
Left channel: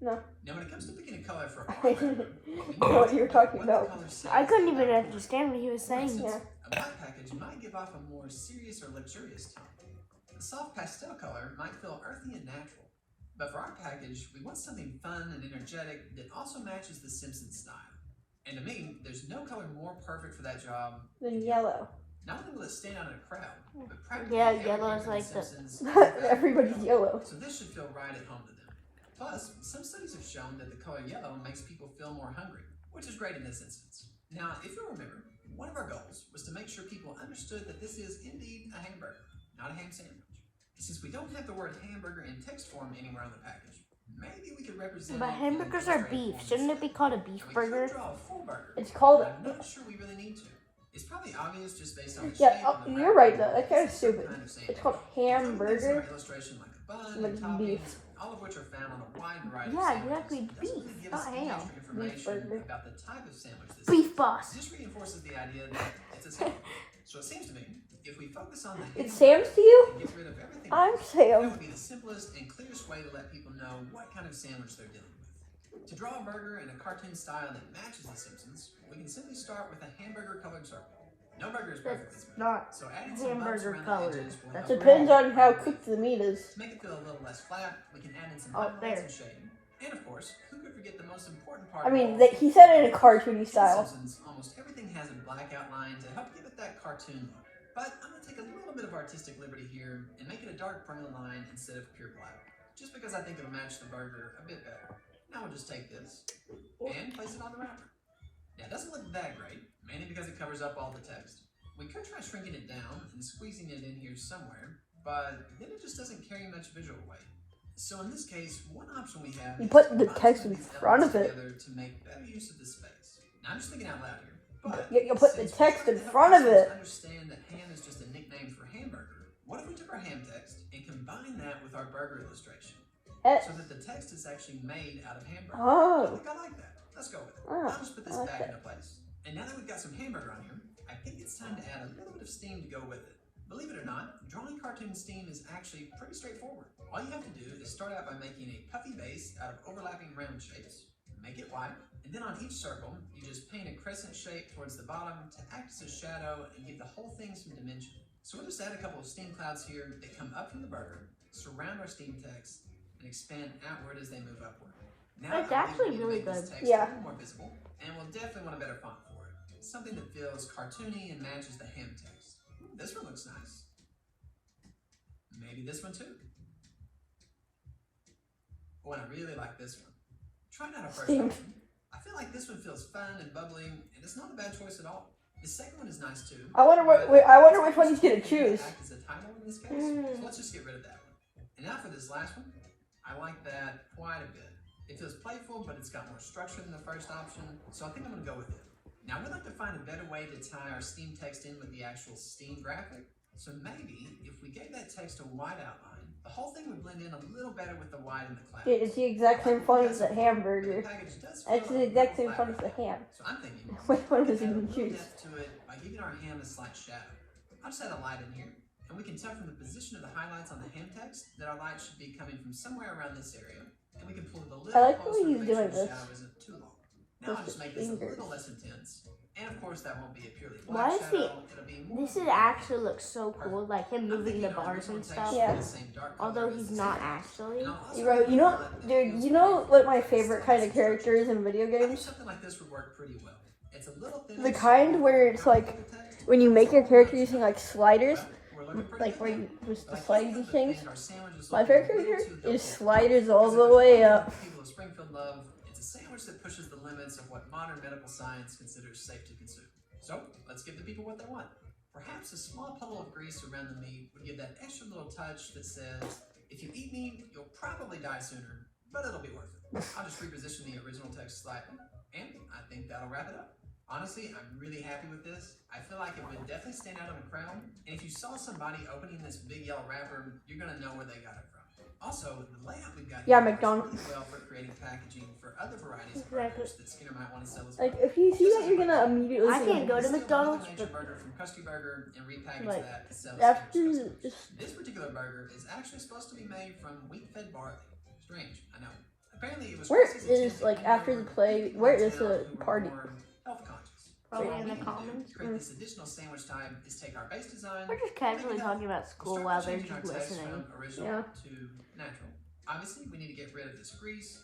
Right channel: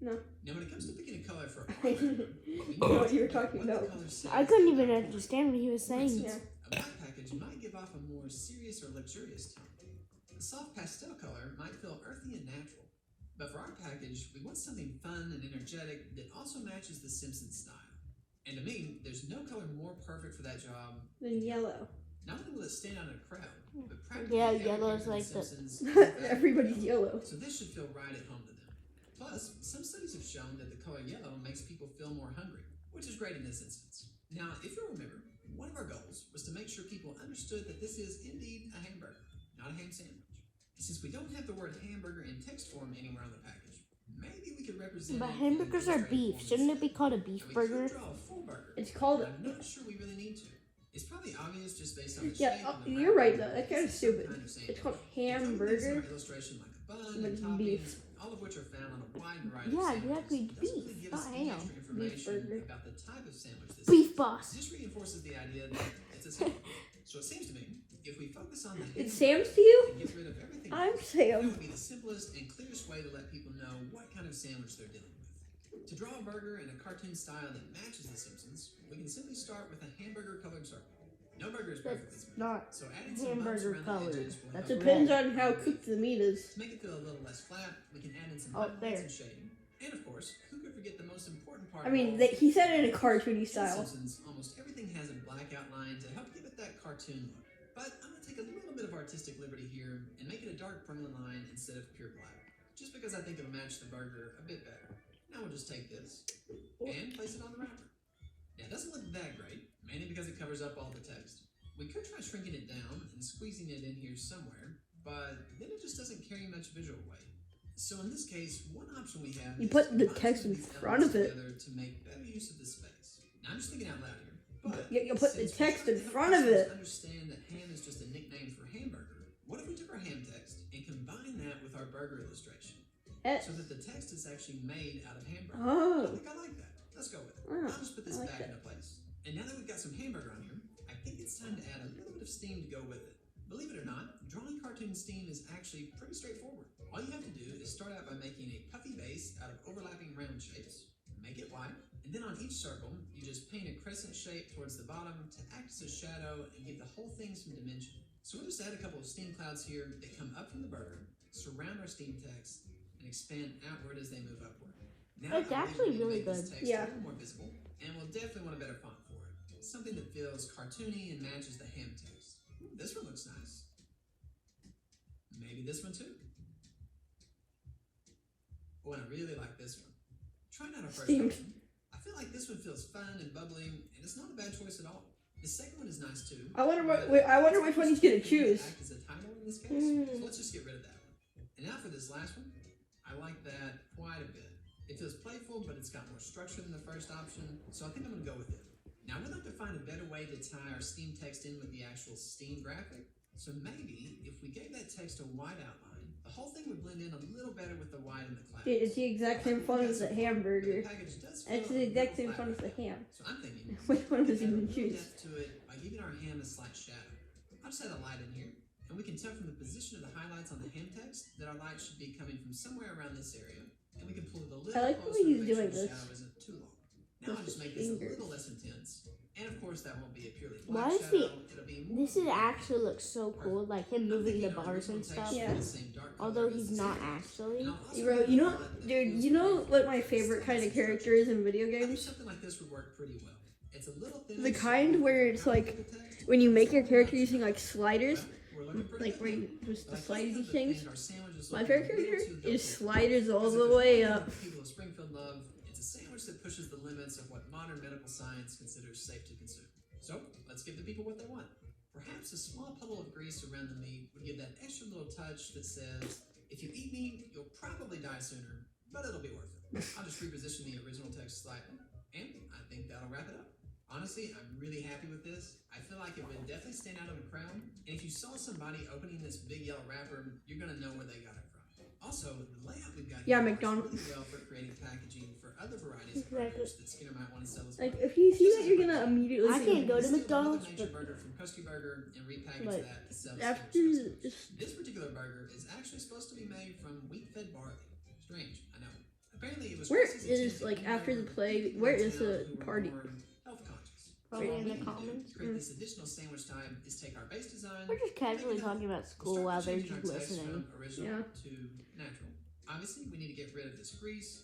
No. Now, when it comes to picking a color for I didn't know what you were talking about. I couldn't even understand what he was saying. Yeah. A black package might give off a more serious or luxurious tone. A soft pastel color might feel earthy and natural. But for our package, we want something fun and energetic that also matches the Simpsons style. And to me, there's no color more perfect for that job. Then yellow. Not only will it stand out in a crowd, but practically Yeah, everything yellow is in like the- Simpsons Everybody's yellow. So this should feel right at home to them. Plus, some studies have shown that the color yellow makes people feel more hungry, which is great in this instance. Now, if you'll remember, one of our goals was to make sure people understood that this is indeed a hamburger, not a ham sandwich. Since we don't have the word hamburger in text form anywhere on the package, maybe we could represent But it in hamburgers are illustrative beef. form Shouldn't it instead. be called a beef Now, we burger? could draw a full burger, It's called. but I'm not sure we really need to. It's probably obvious just based on the Yeah, shape oh, of the you're wrapper. right though. That's kind of It's some stupid. kind of sandwich. It's called Including things in hamburger. our illustration like a bun But and it's toppings, beef. all of which are found on a wide variety Yeah, of sandwiches. exactly, It doesn't beef, really give not us any ham. extra information burger. about the type of sandwich this Beef is. boss. This reinforces the idea that it's a sandwich. So it seems to me, if we focus on the ham It's Sam's to you? and get rid of everything I'm else, that Sam. would be the simplest and clearest way to let people know what kind of sandwich they're dealing with. To draw a burger in a cartoon style that matches The Simpsons, we can simply start with a hamburger colored circle. No burger is perfect this way. Not So adding some bumps hamburger around colored. the edges will That's help depends bring on how cooked the meat is. To make it feel a little less flat, we can add in some Oh, highlights there. and shading. And of course, who could forget the most important part I of mean, all he said it in a cartoony In style. Simpsons, almost everything has a black outline to help give it that cartoon look. But I'm going to take a little bit of artistic liberty here and make it a dark brown line instead of pure black. Just because I think it'll match the burger a bit better. Now we'll just take this and place it on the wrapper. Now it doesn't look that great, mainly because it covers up all the text. We could try shrinking it down and squeezing it in here somewhere, but then it just doesn't carry much visual weight. So in this case, one option we have You is put to the combine text some in these front of elements it. together to make better use of the space. Now I'm just thinking out loud here, but You put the since we're text trying in to help front of listeners it. Understand that ham is just a nickname for hamburger. What if we took our ham text and combined that with our burger illustration, S. so that the text is actually made out of hamburger? I Oh. think I like that. Let's go with it. Oh, I'll just put this I like back that. into place. And now that we've got some hamburger on here, I think it's time to add a little bit of steam to go with it. Believe it or not, drawing cartoon steam is actually pretty straightforward. All you have to do is start out by making a puffy base out of overlapping round shapes, make it white, and then on each circle, you just paint a crescent shape towards the bottom to act as a shadow and give the whole thing some dimension. So we'll just add a couple of steam clouds here that come up from the burger, surround our steam text, and expand outward as they move upward. Now It's I believe actually we can really make this good. text Yeah. a little more visible, and we'll definitely want a better font for it. Something that feels cartoony and matches the ham text. Ooh, this one looks nice. Maybe this one too. Oh, and I really like this one. Try not a first Steamed. option. I feel like this one feels fun and bubbly, and it's not a bad choice at all. The second one is nice too. I wonder but I wonder which one he's gonna it's something that choose. act as a title in this case, Mm. so let's just get rid of that one. And now for this last one, I like that quite a bit. It feels playful, but it's got more structure than the first option, so I think I'm gonna go with it. Now we'd like to find a better way to tie our Steam text in with the actual Steam graphic, So maybe if we gave that text a white outline, the whole thing would blend in a little better with the white and the clouds. Dude, it's the exact same font as the hamburger. The package does feel It's the a exact little same font as flatter. the ham. So I'm thinking, Which one was add a even little used? depth to it by giving our ham a slight shadow. I'll just add a light in here, and we can tell from the position of the highlights on the ham text that our light should be coming from somewhere around this area, and we can pull it a little I like the closer way to he's make sure doing the this. shadow isn't too long. Now I'll just make this a little less intense, and of course that won't be a purely Why black is shadow. It'll be more This is actually looks so cool, like him moving the bars and stuff. Yeah. Although he's not actually. You know, dude, you know what my favorite kind of character is in video games? Something like this would work pretty well. It's a little thin. The kind where it's like, when you make your character using like sliders, like where you just the slidey things. My favorite character is sliders all the way up. People of Springfield love. It's a sandwich that pushes the limits of what modern medical science considers safe to consume. So let's give the people what they want. Perhaps a small puddle of grease around the meat would give that extra little touch that says, if you eat me, you'll probably die sooner, but it'll be worth it. I'll just reposition the original text slightly, and I think that'll wrap it up. Honestly, I'm really happy with this. I feel like it would definitely stand out in a crowd, and if you saw somebody opening this big yellow wrapper, you're gonna know where they got it from. Also, the layout we've got Yeah, here McDonald's. works really well for creating packaging for other varieties of burgers that Skinner might want to sell as well. Like, if you see that, you're gonna immediately I think can't go to Still, McDonald's, another major but burger from Krusty Burger and repackage Like, that to sell after Skinner's customers. this, This particular burger is actually supposed to be made from wheat-fed barley. Strange, I know. Apparently, it was where Krusty's is, intent like, to after lure the play, people where in is town the who were party? more health-conscious. Probably So what in we the can do commons. to create this additional sandwich time is take our base design. We're just casually talking about school while they're Start just changing our text listening. from original Yeah. to natural. Obviously, we need to get rid of this grease,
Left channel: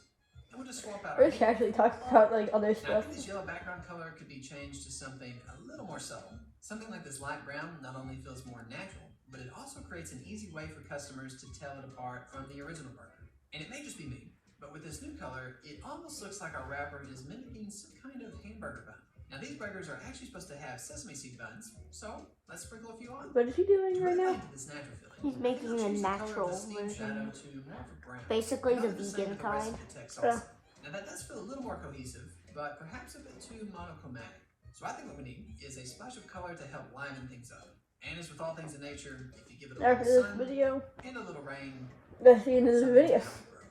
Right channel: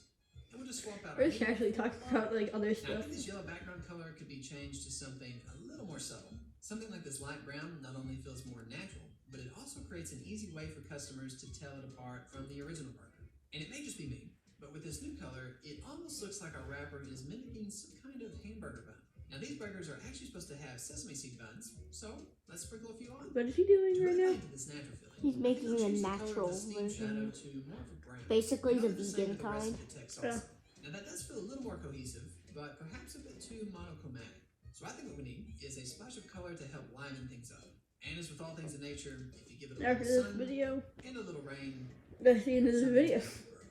and we'll just swap out we're our just casually talking about like other now, stuff. this yellow background color could be changed to something a little more subtle. Something like this light brown not only feels more natural, but it also creates an easy way for customers to tell it apart from the original burger. And it may just be me, but with this new color, it almost looks like our wrapper is mimicking some kind of hamburger bun. Now, these burgers are actually supposed to have sesame seed buns, so let's sprinkle a few on. What is he doing To right really now? add to this natural feeling, He's I think making I'll a change the color of natural the steam shadow version. to more of a brown. Basically And the I'll do same vegan with the rest kind. of the text Yeah. also. Now that does feel a little more cohesive, but perhaps a bit too monochromatic. So I think what we need is a splash of color to help liven things up. And as with all things in nature, if you give it a After little this sun video, and a little rain, that's the end of the something video. will grow.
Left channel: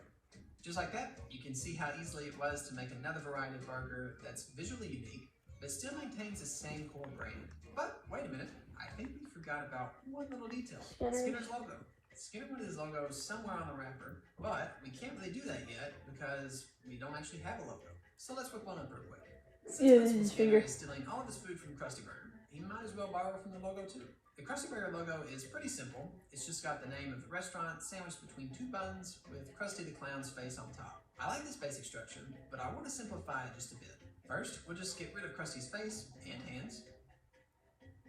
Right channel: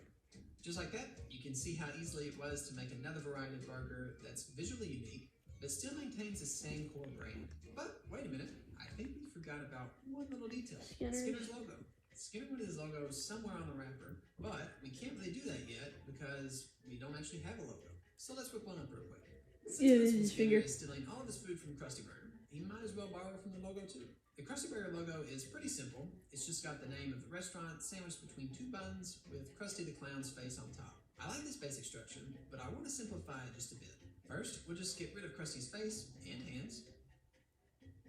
Just like that, you can see how easily it was to make another variety of burger that's visually unique, but still maintains the same core brand. But wait a minute, I think we forgot about one little detail. Skinner's logo. Skinner wanted his logo somewhere on the wrapper, but we can't really do that yet because we don't actually have a logo. So let's whip one up real quick. Since Yeah, Principal his Skinner finger. is stealing all of his food from Krusty Burger, he might as well borrow from the logo too. The Krusty Burger logo is pretty simple. It's just got the name of the restaurant sandwiched between two buns with Krusty the Clown's face on top. I like this basic structure, but I want to simplify it just a bit. First, we'll just get rid of Krusty's face and hands.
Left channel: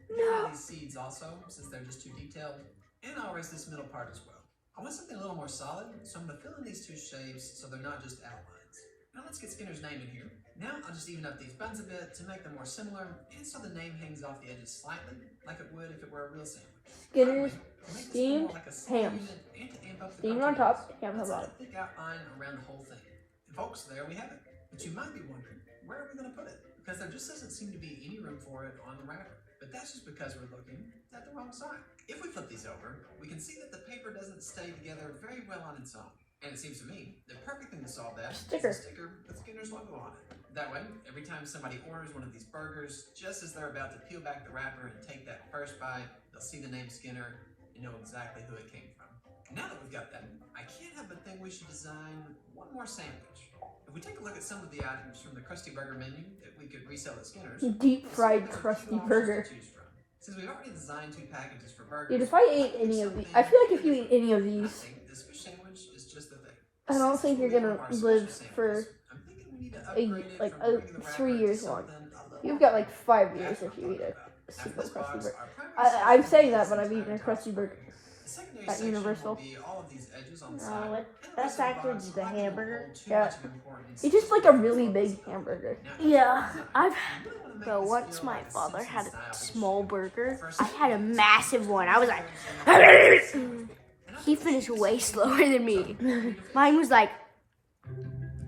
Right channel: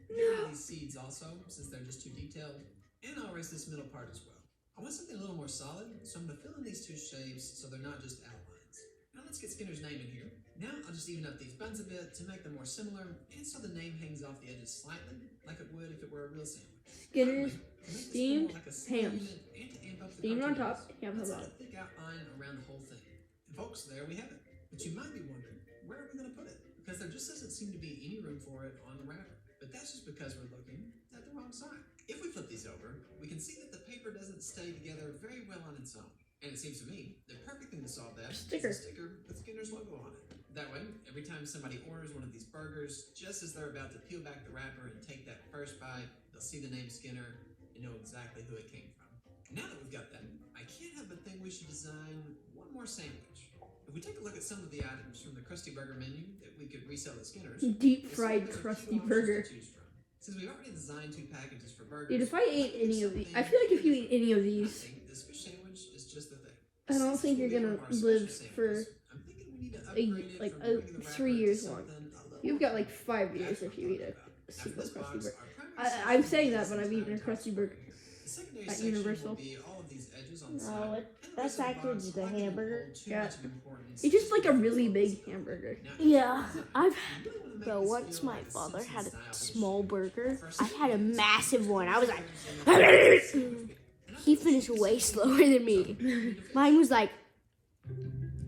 Get rid of these seeds also, since they're just too detailed. And I'll erase this middle part as well. I want something a little more solid, so I'm going to fill in these two shapes so they're not just outlines. Now let's get Skinner's name in here. Now I'll just even up these buns a bit to make them more similar, and so the name hangs off the edges slightly, like it would if it were a real sandwich. Skinner's Finally, to make this steamed more like a single hams. unit and to amp up the Steamed on cartoon, top, ham on let's add bottom. a thick outline around the whole thing. And folks, there we have it. But you might be wondering, where are we going to put it? Because there just doesn't seem to be any room for it on the wrapper. But that's just because we're looking at the wrong side. If we flip these over, we can see that the paper doesn't stay together very well on its own. And it seems to me the perfect thing to solve that Sticker. is a sticker with Skinner's logo on it. That way, every time somebody orders one of these burgers, just as they're about to peel back the wrapper and take that first bite, they'll see the name Skinner and know exactly who it came from. Now that we've got that, I can't help but think we should design one more sandwich. If we take a look at some of the items from the Krusty Burger menu that we could resell at Skinner's, Deep we'll see fried that there's a few crusty options burger. to choose from. Since we've already designed two packages for burgers, Dude, if I ate any of these, I feel like if you eat any of I these, think this fish sandwich is just the thing. I don't Since think we'll you're be gonna one of our special live sandwiches, for I'm thinking we need to upgrade it like, from regular 3 wrapper to years long. something a little You've more got like 5 That's years if what you I'm eat a talking about. After single this crusty box, burger. our primary I'm section saying is that, but this I've eaten a entire crusty top burger square. The secondary at section Universal. will be all of these edges on the No, side. it- And the that's rest of the actually box, just a I think, hamburger. won't hold too Yeah. much of importance It's just like a to really the big focus. hamburger. Now, Yeah, I've. we really wanna make Bro, this once feel my like a father had a Simpsons-style small burger, First I had a thing is- massive one. I was like, he finished way slower than me. Mine was like,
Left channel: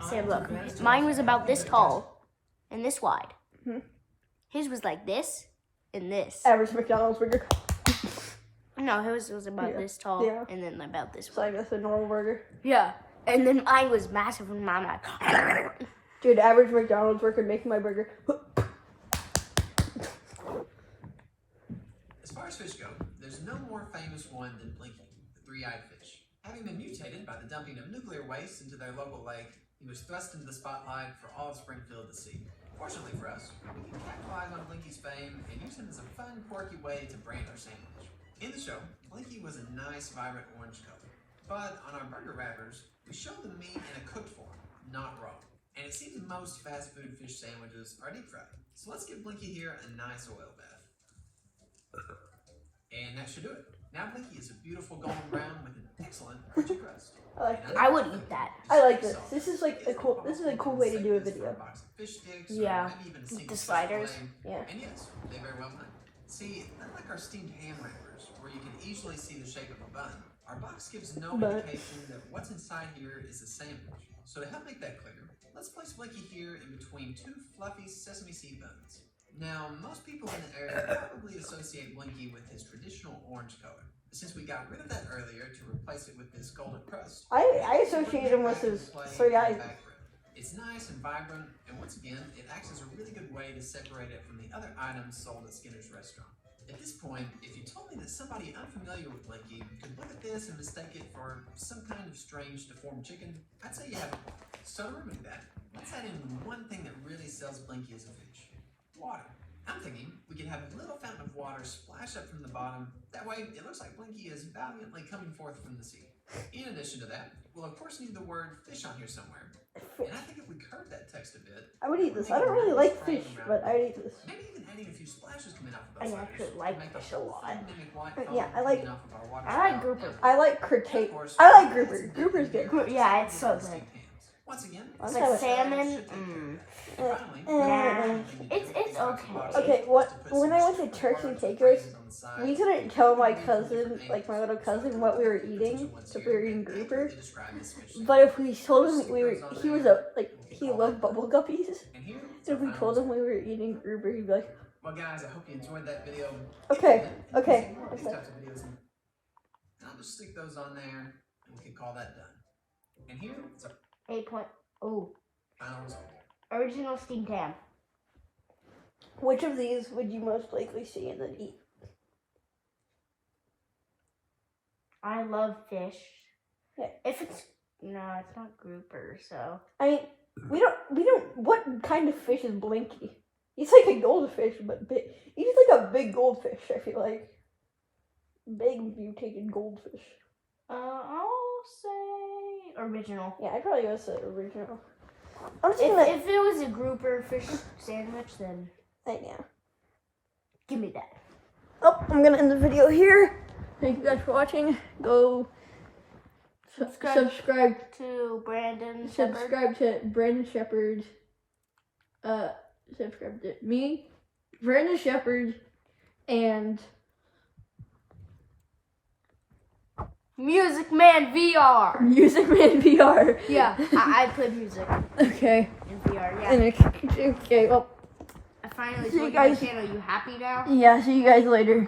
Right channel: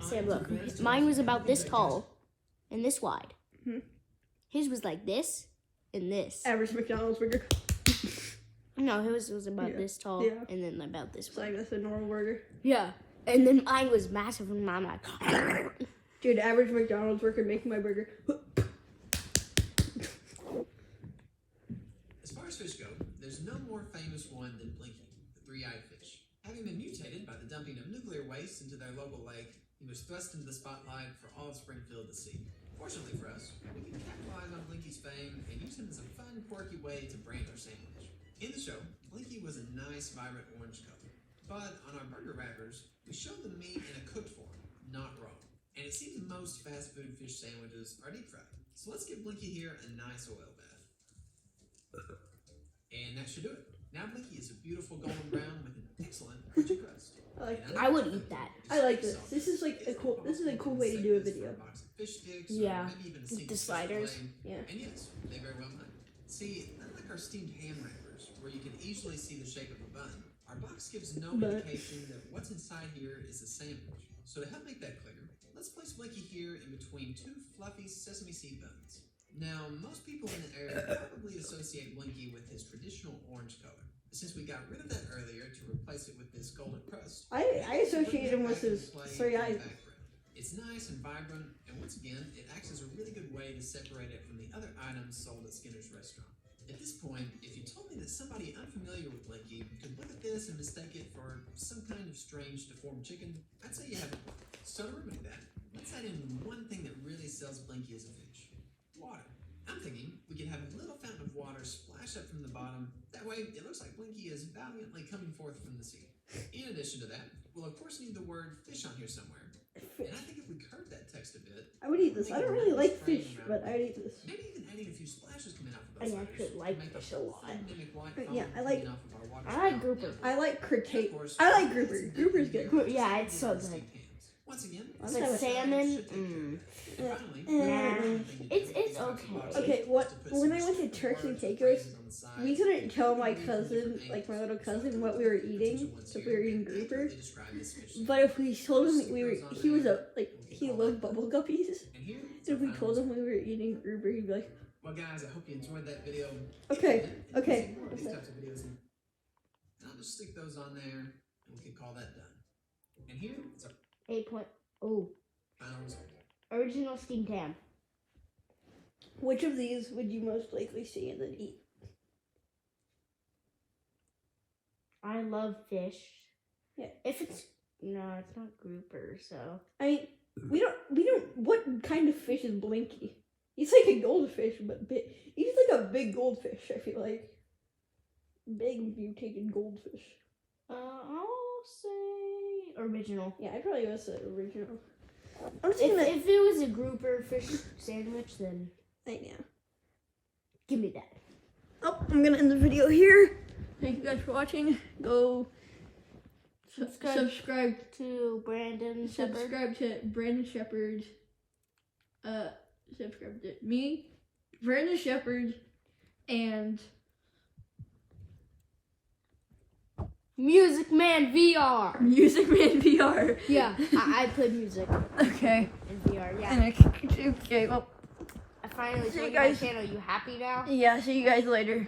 Sam, look, mine was about this tall and this wide. Hmm. His was like this and this. Average McDonald's burger. No, it was about Yeah. this tall, Yeah. and then about this It's one. like that's a normal burger. Yeah, and then mine was massive, and mine like. Dude, average McDonald's worker making my burger. As far as fish go, there's no more famous one than Blinky, the three-eyed fish. Having been mutated by the dumping of nuclear waste into their local lake, he was thrust into the spotlight for all of Springfield to see. Fortunately for us, we can capitalize on Blinky's fame and use him as a fun, quirky way to brand our sandwich. In the show, Blinky was a nice, vibrant orange color. But on our burger wrappers, we show the meat in a cooked form, not raw. And it seems most fast food fish sandwiches are deep fried. So let's give Blinky here a nice oil bath. And that should do it. Now Blinky is a beautiful golden brown with an excellent crunchy crust. I like And I would eat that. I like this. This is like a cool. This is a cool way to do a video. Fish sticks, Yeah, or maybe even a single the fish sliders. fillet. Yeah. And yes, they very well might. See, unlike our steamed ham wrappers, where you can easily see the shape of a bun, our box gives no But- indication that what's inside here is a sandwich. So to help make that clear, let's place Blinky here in between two fluffy sesame seed buns. Now, most people in the area probably associate Blinky with his traditional orange color. But since we got rid of that earlier to replace it with this golden crust, I associate him with his three eyes. it's nice and vibrant, and once again, it acts as a really good way to separate it from the other items sold at Skinner's restaurant. At this point, if you told me that somebody unfamiliar with Blinky could look at this and mistake it for some kind of strange deformed chicken, I'd say you have a point. So to remedy that, let's add in one thing that really sells Blinky as a fish: water. I'm thinking we could have a little fountain of water splash up from the bottom. That way, it looks like Blinky is valiantly coming forth from the sea. In addition to that, we'll of course need the word fish on here somewhere. And I think if we curve that text a bit, I would eat this. I don't really like fish, but I'd eat this. maybe even adding a few splashes coming out I of those actually sliders like to make the fish a whole lot. thing mimic white Yeah, foam I like- coming off of our water I like spout. grouper. I like And critique. of course, I like that's grouper. a Grouper's good good. Yeah, it's so steamed good. hams. Once again, Like this salmon, should take care of it. And finally, Nah, it's okay. Okay, when I went to Turkey Takers, we couldn't tell my cousin, like my little cousin, what we were eating if we were eating grouper. But if we told him he loved bubble guppies. If we told him we were eating grouper, he'd be like, Well, guys, I hope you enjoyed that video. Okay, okay. If you want these types of videos, and I'll just stick those on there, and we can call that done. And here is our 8 Oh, final result. original steamed ham. which of these would you most likely see and then eat? I love fish. Yeah. If it's no, it's not grouper. So I mean, we don't. What kind of fish is Blinky? He's like a goldfish, but big. He's like a big goldfish. I feel like big mutated goldfish. I'll say original. Yeah, I'd probably go with the original. I'm just If gonna. it was a grouper fish sandwich, then Yeah. give me that. Oh, I'm gonna end the video here. Thank you guys for watching. Go subscribe. To Brandon Shepherd. Subscribe to Brandon Shepherd. Subscribe to me, Brandon Shepherd, and Music Man VR. Music Man VR. Yeah, I play music Okay. in VR. Yeah, And okay. Well, I finally See you told you my guys. channel. You happy now? yeah. See you guys later.